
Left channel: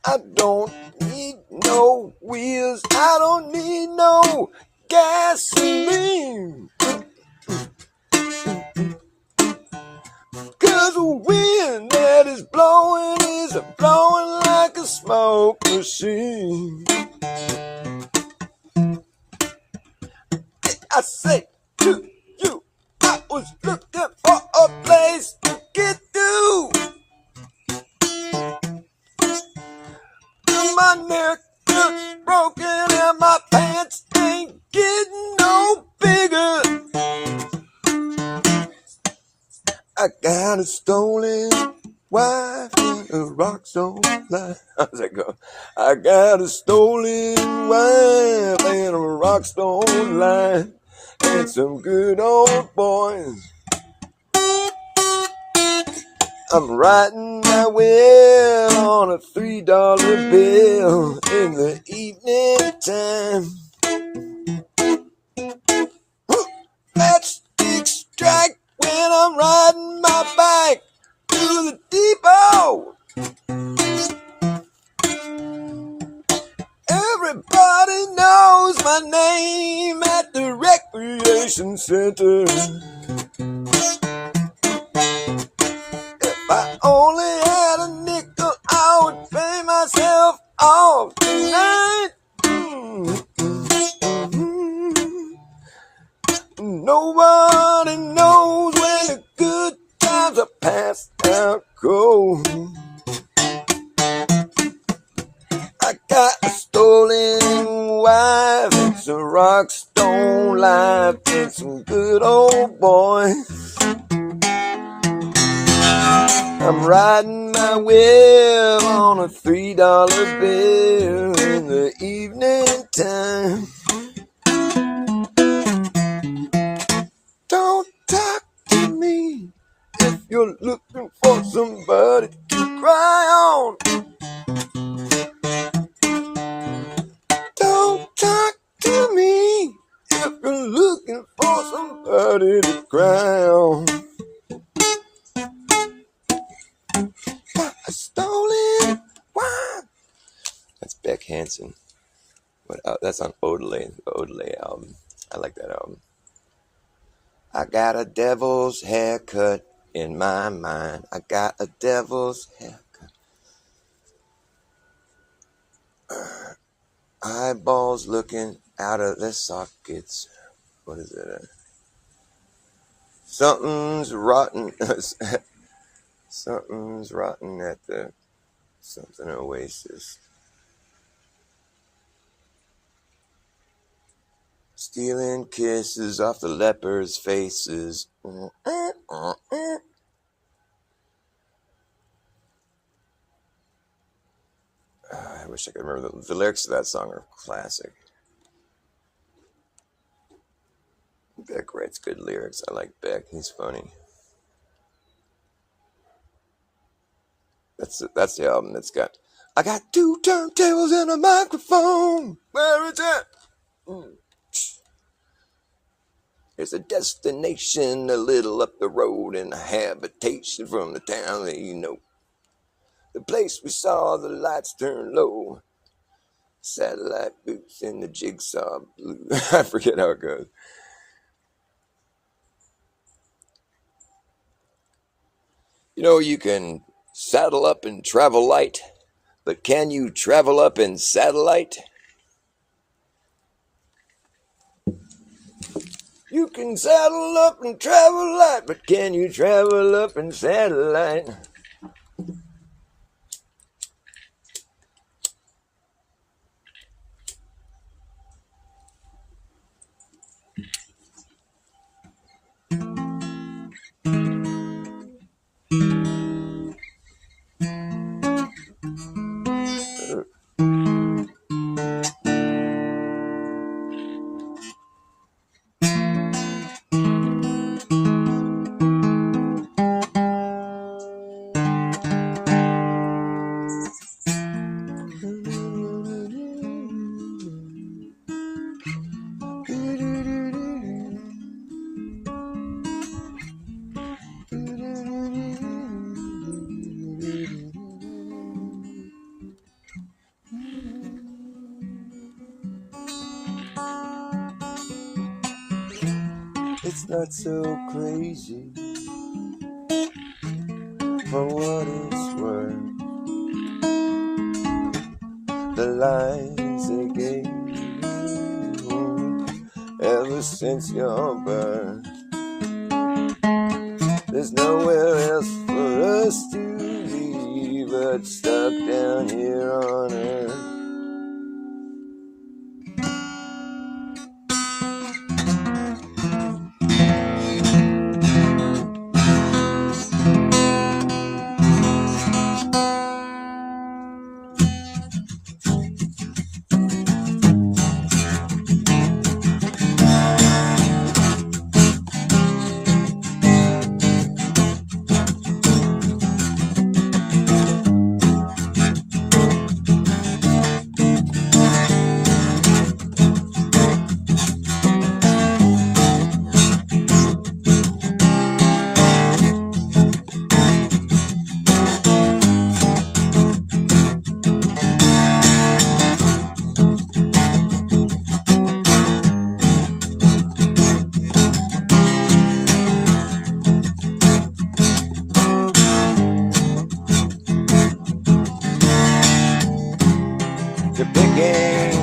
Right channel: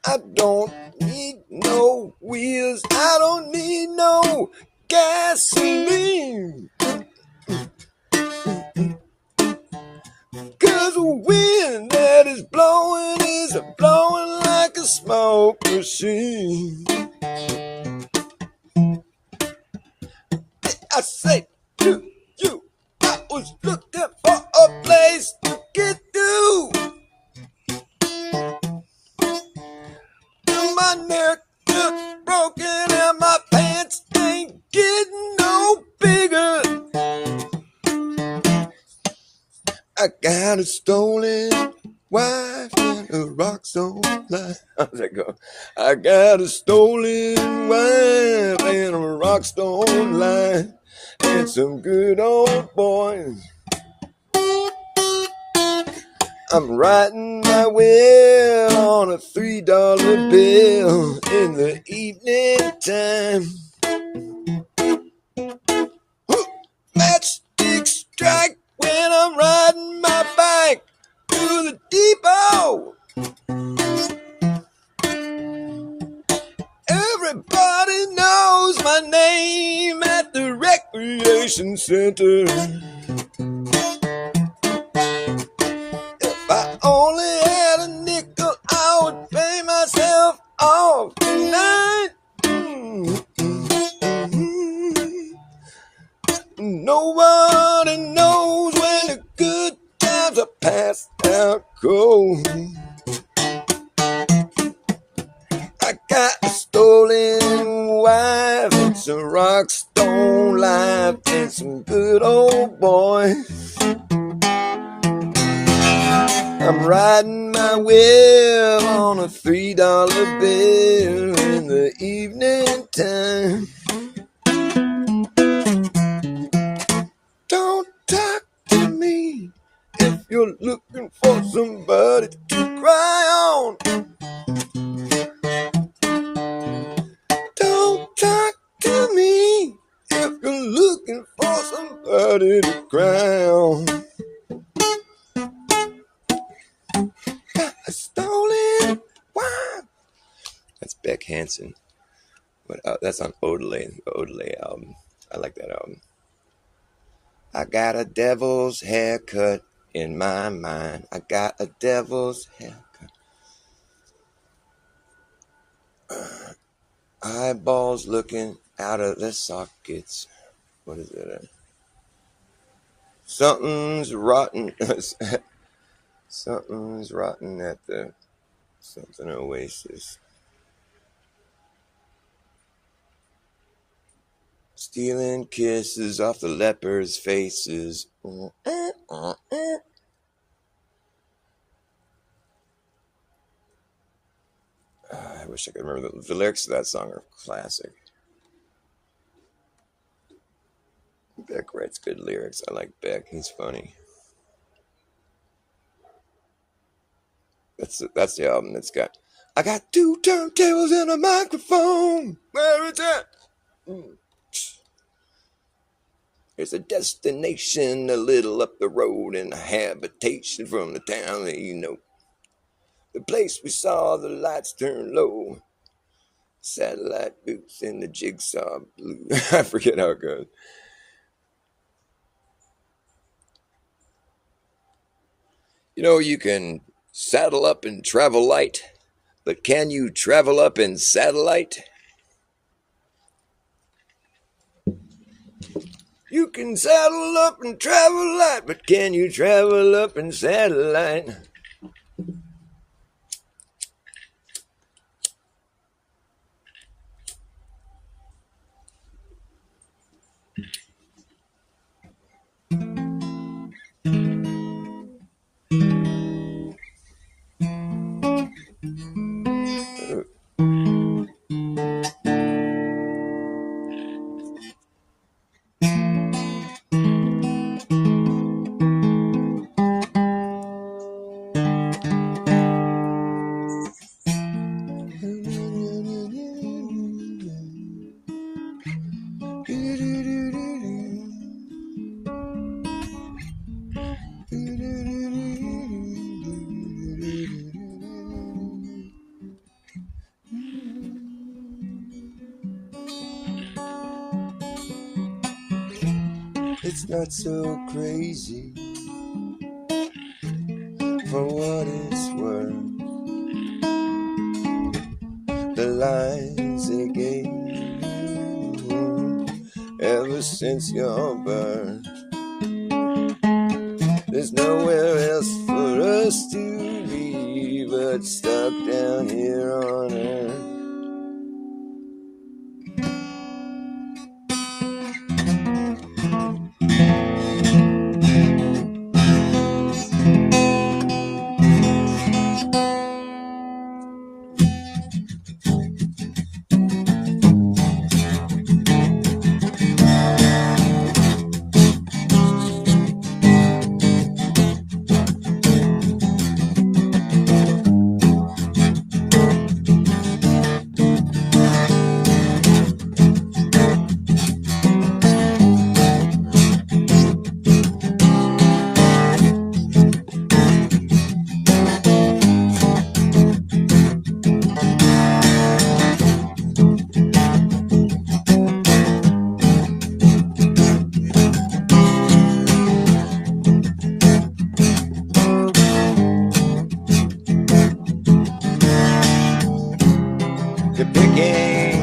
I don't need no wheels. I don't need no gasoline. 'Cause the wind that is blowing is blowing like a smoke machine. I say to you, I was looking for a place to get through. My neck is broken and my pants ain't getting no bigger. I got a stolen wife and a rock stone life. How's that go? I got a stolen wife and a rock stone life and some good old boys. I'm writing my will on a $3 bill in the evening time. Matchstick strike when I'm riding my bike to the depot. Everybody knows my name at the recreation center. If I only had a nickel, I would pay myself off tonight. Nobody knows when the good times are past out cold. I got a stolen wife, it's a rock stone life, and some good old boys. I'm riding my wheel on a $3 bill in the evening time. Don't talk to me if you're looking for somebody to cry on. Don't talk to me if you're looking for somebody to cry on. A stolen one. That's Beck Hansen. That's on Odelay album. I like that album. I got a devil's haircut in my mind. I got a devil's haircut. Eyeballs looking out of the sockets. What is it? Something's rotten. Something's rotten at the something oasis. Stealing kisses off the lepers' faces. I wish I could remember the lyrics to that song are classic. Beck writes good lyrics. I like Beck. He's funny. That's the album that's got. I got 2 turntables and a microphone. Where is it? There's a destination a little up the road and a habitation from the town that you know. The place we saw the lights turn low. Satellite boots in the jigsaw blue. I forget how it goes. You know, you can saddle up and travel light, but can you travel up in satellite? You can saddle up and travel light, but can you travel up in satellite? It's not so crazy for what it's worth. The lies they gave you ever since your birth. There's nowhere else for us to be but stuck down here on earth.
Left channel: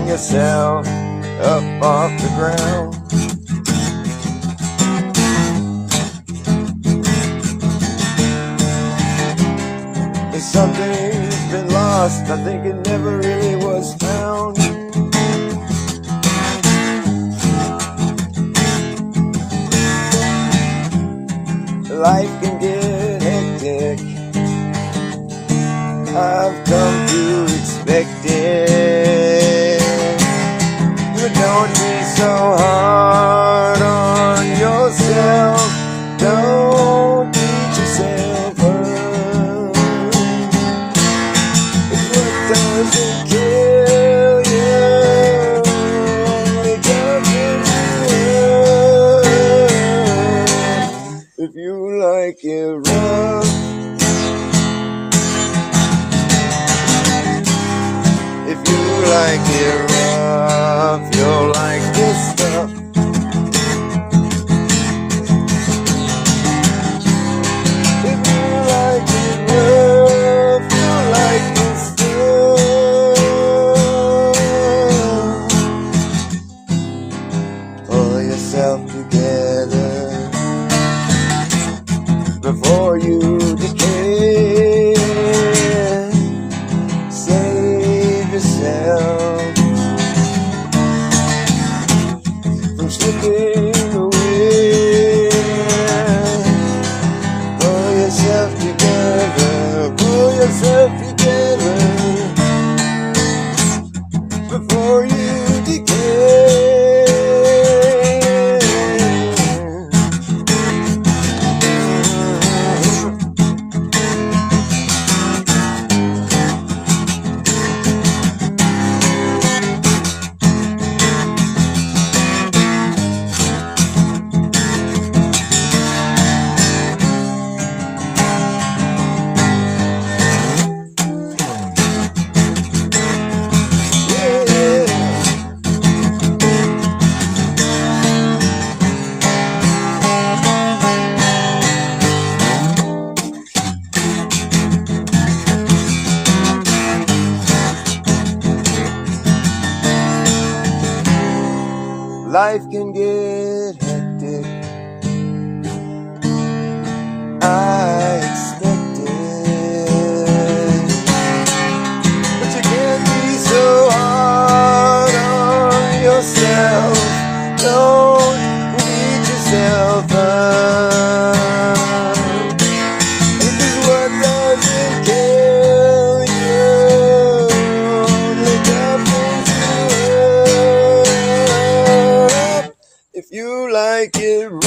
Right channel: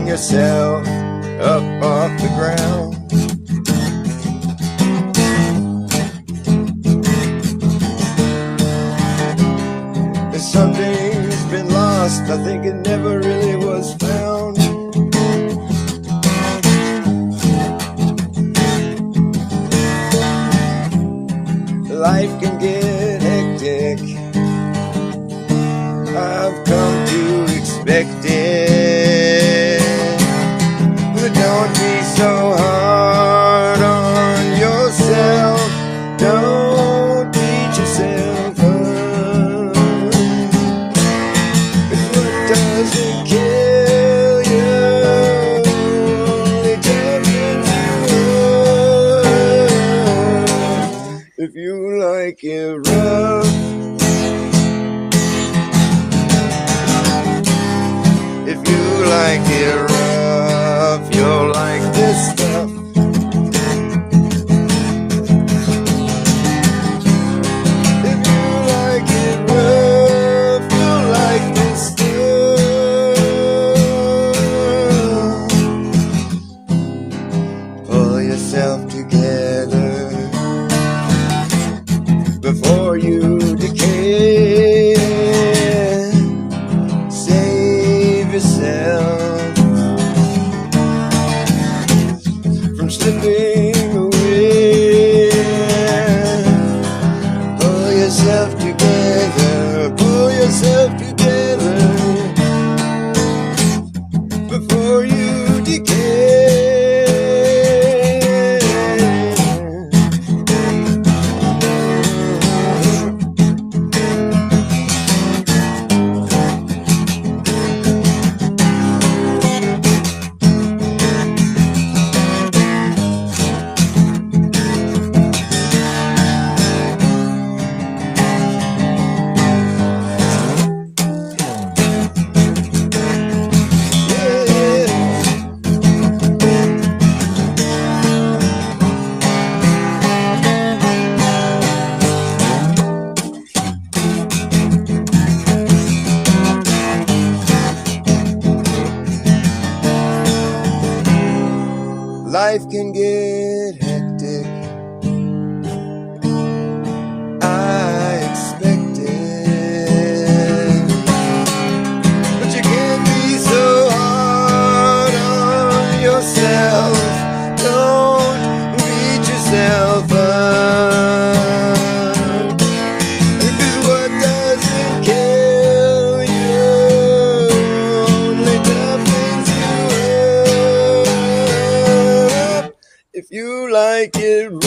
Yourself up off the ground. There's something's been lost. I think it never really was found. Life can get hectic. I've come to expect it. Don't be so hard on yourself. Don't beat yourself up. If what doesn't kill you only comes rough. If you like it rough, if you like it rough, you'll like this stuff. If you like it rough, you'll like this stuff. Pull yourself together before life can get hectic. I expect it, but you can't be so hard on yourself. Don't beat yourself up, because what doesn't kill you only toughens you up. If you like it rough,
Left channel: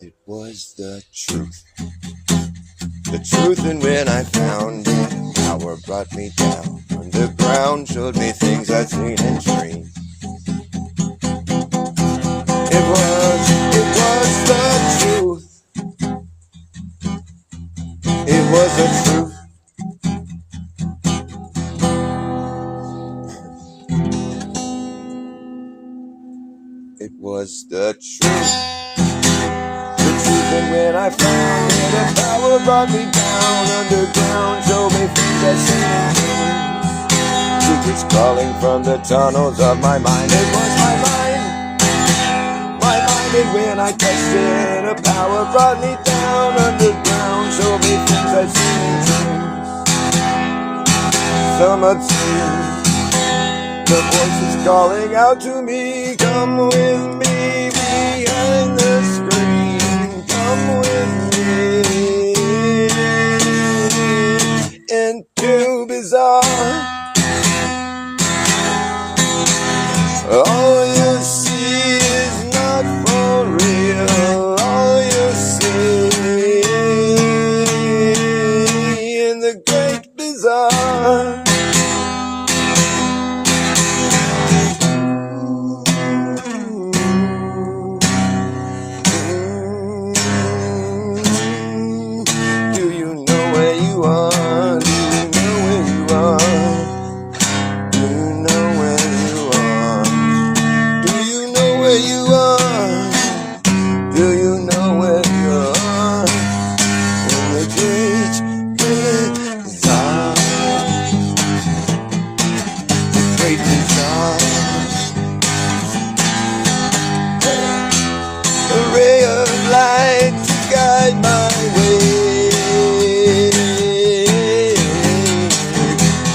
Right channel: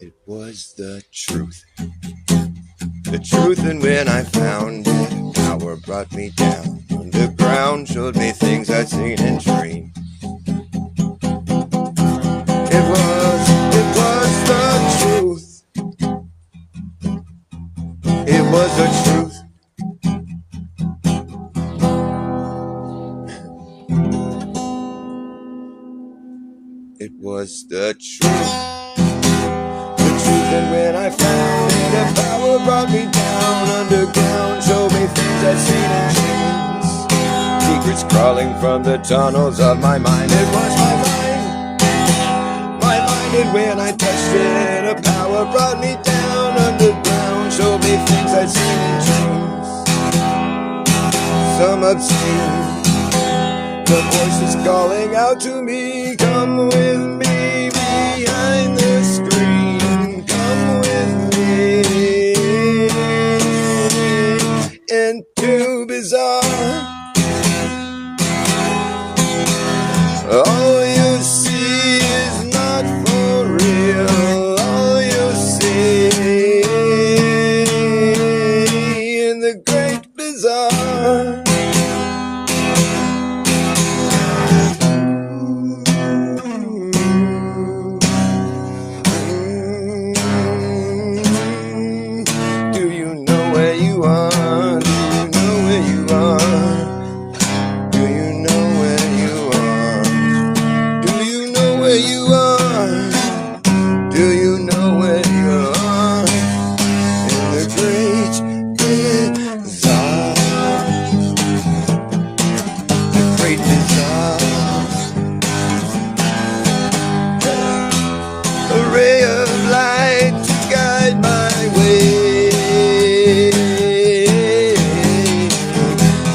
it was the truth. The truth, and when I found it, power brought me down. Underground showed me things I'd seen in dreams. It was the truth. It was the truth. It was the truth. When I found it, the power brought me down. Underground showed me things I'd seen in dreams. Secrets crawling from the tunnels of my mind. It was my mind. And when I touched it, the power brought me down. Underground showed me things I'd seen in dreams. Some obscene. The voice is calling out to me, come with me behind the screen. Come with me into bizarre. All you see is not for real. All you see in the great bizarre. Do you know where you are? Do you know where you are? Do you know where you are? Do you know where you are? Do you know where you are? In the great bizarre. The great bizarre. A ray of light to guide my way.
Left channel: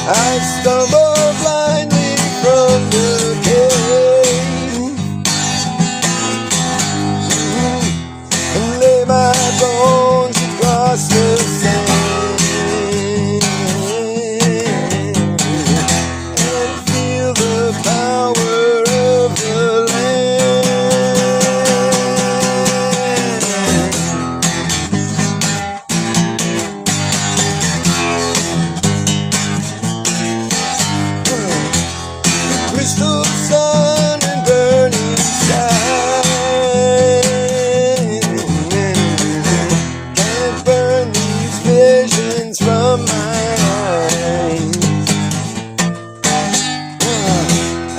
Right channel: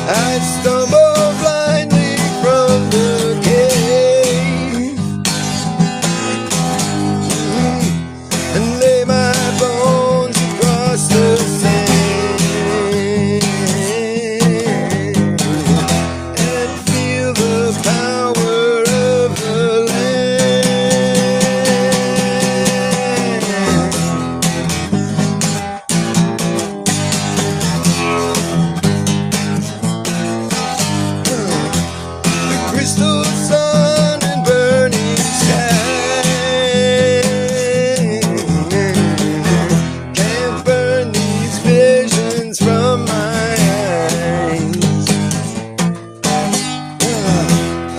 I stumble blindly from the cave and lay my bones across the sand and feel the power of the land. Crystal sun and burning sky can't burn these visions from my eyes.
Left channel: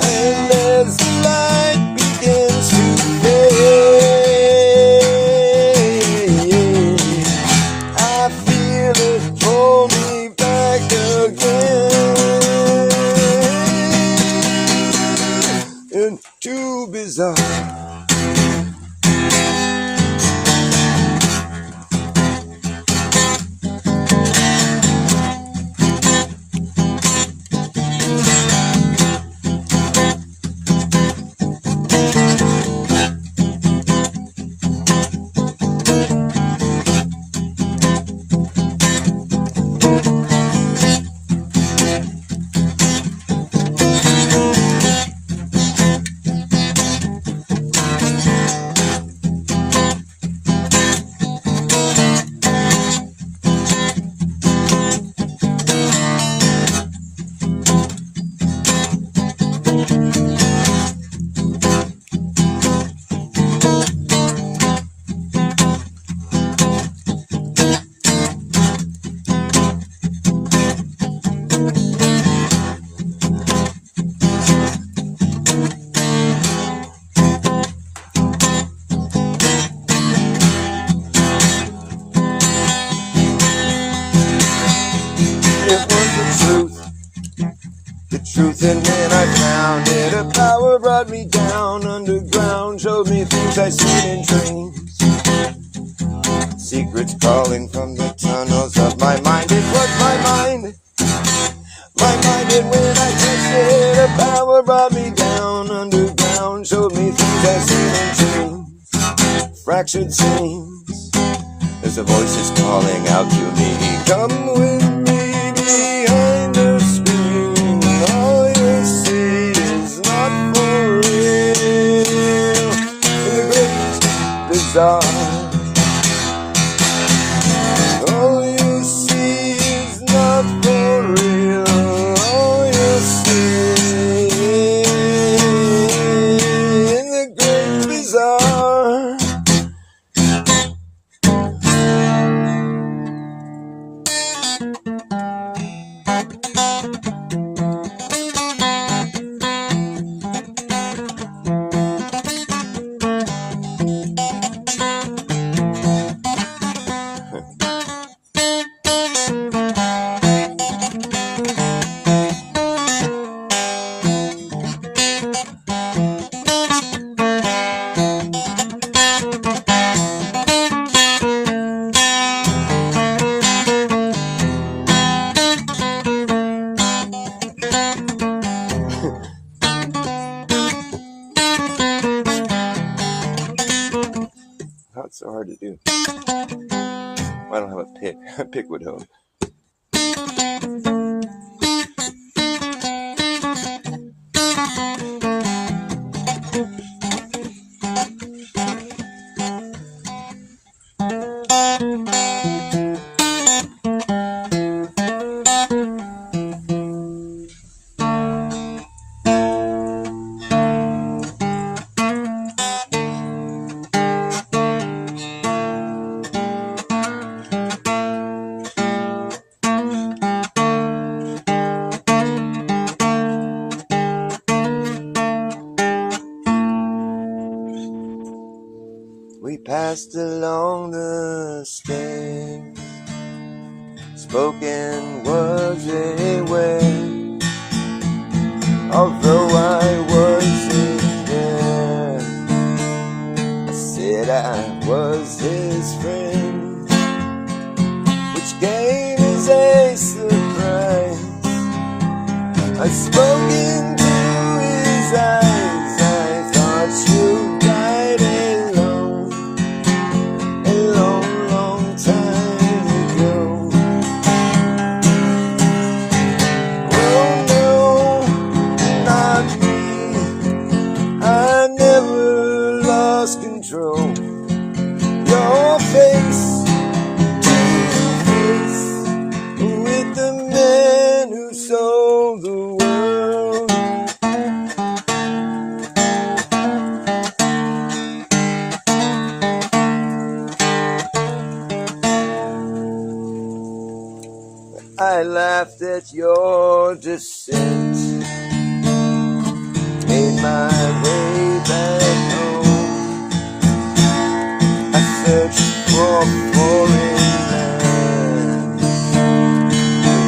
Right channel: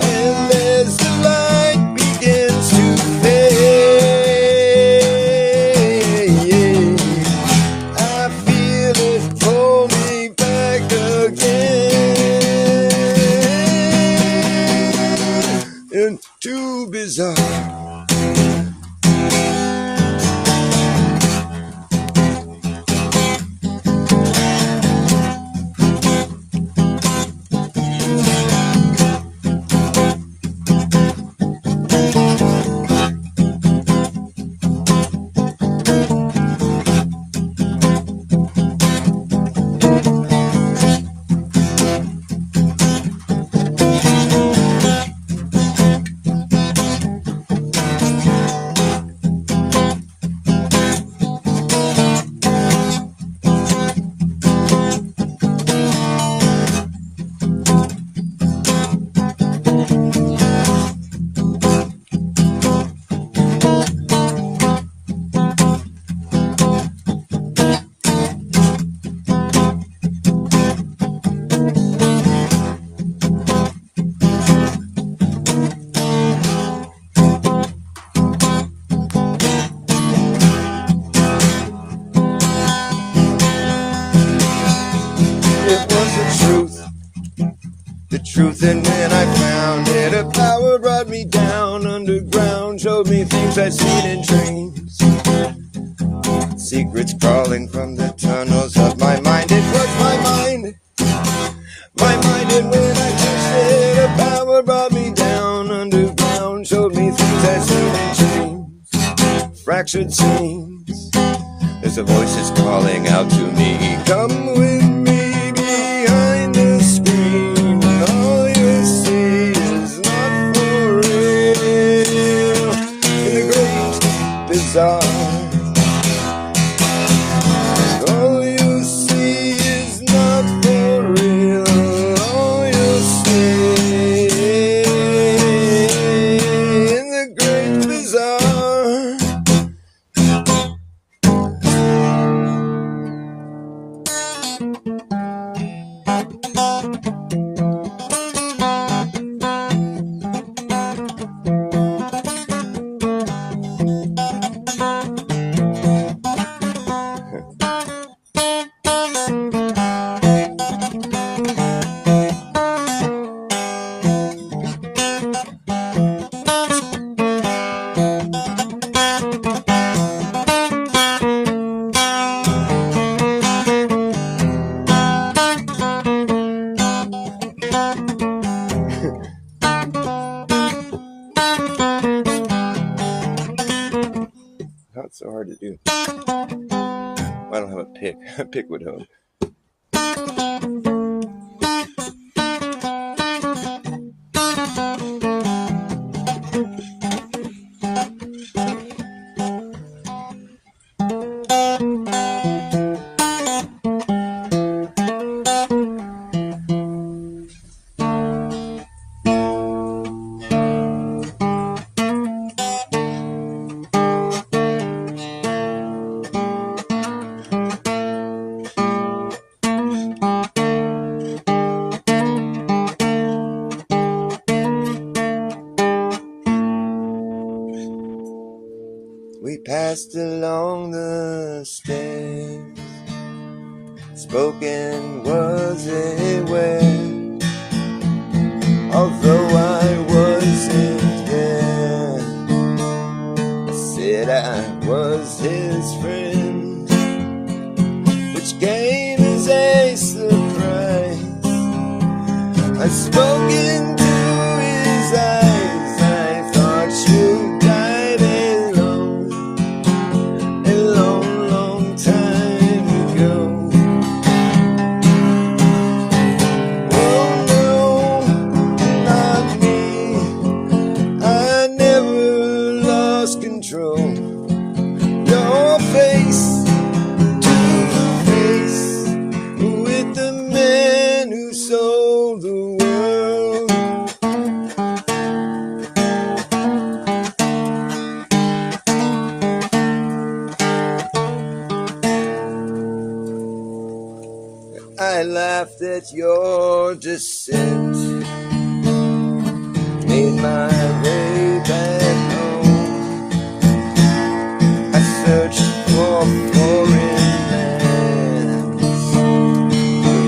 And as the light begins to fade, I feel it pull me back again into bizarre. The truth, and then I found it. A power brought me down underground, showed me things I'd seen in dreams. Secrets crawling from the tunnels of my mind. It was my mind, and when I touched it, a power brought me down underground, showed me things I'd seen in dreams. Fractured scenes, as the voices calling out to me, come with me behind the screen. All you see is not for real. The great bizarre. All you see is not for real. All you see in the great bizarre. Pickwood home. We passed along the stairs. Spoken was a word, although I wasn't there. I said I was his friend, which came as a surprise. I spoke into his eyes. I thought you died alone a long, long time ago. Oh no, not me. I never lost control. Your face to face with the man who sold the world. I laughed at your descent, made my way back home. I searched for foreign lands.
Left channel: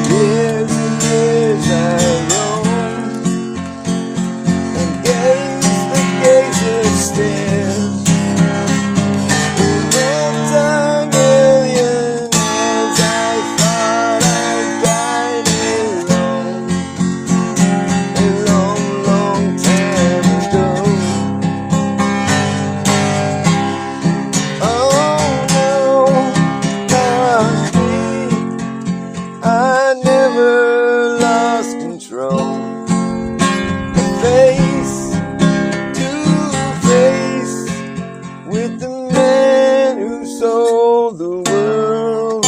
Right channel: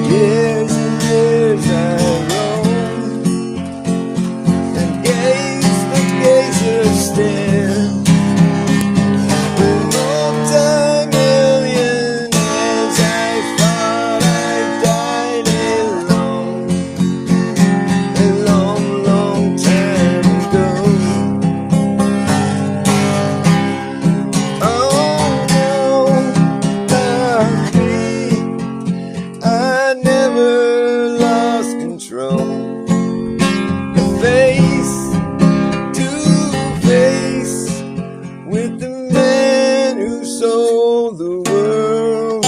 Years and years I roamed and gazed the gazers stare. Multi-millionaires, I thought I died alone a long, long time ago. Oh no, not me. I never lost control. Face to face with the man who sold the world.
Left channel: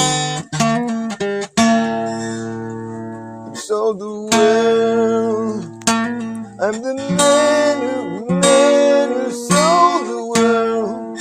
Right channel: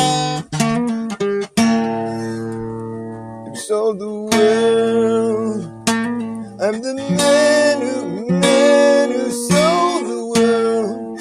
Who sold the world. I'm the man who sold the world.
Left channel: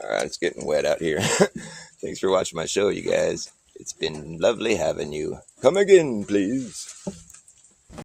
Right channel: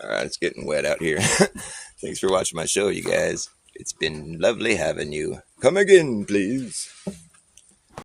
All right, it's getting wet out here. Thanks for watching my show, you guys. It's been lovely having you. Come again, please.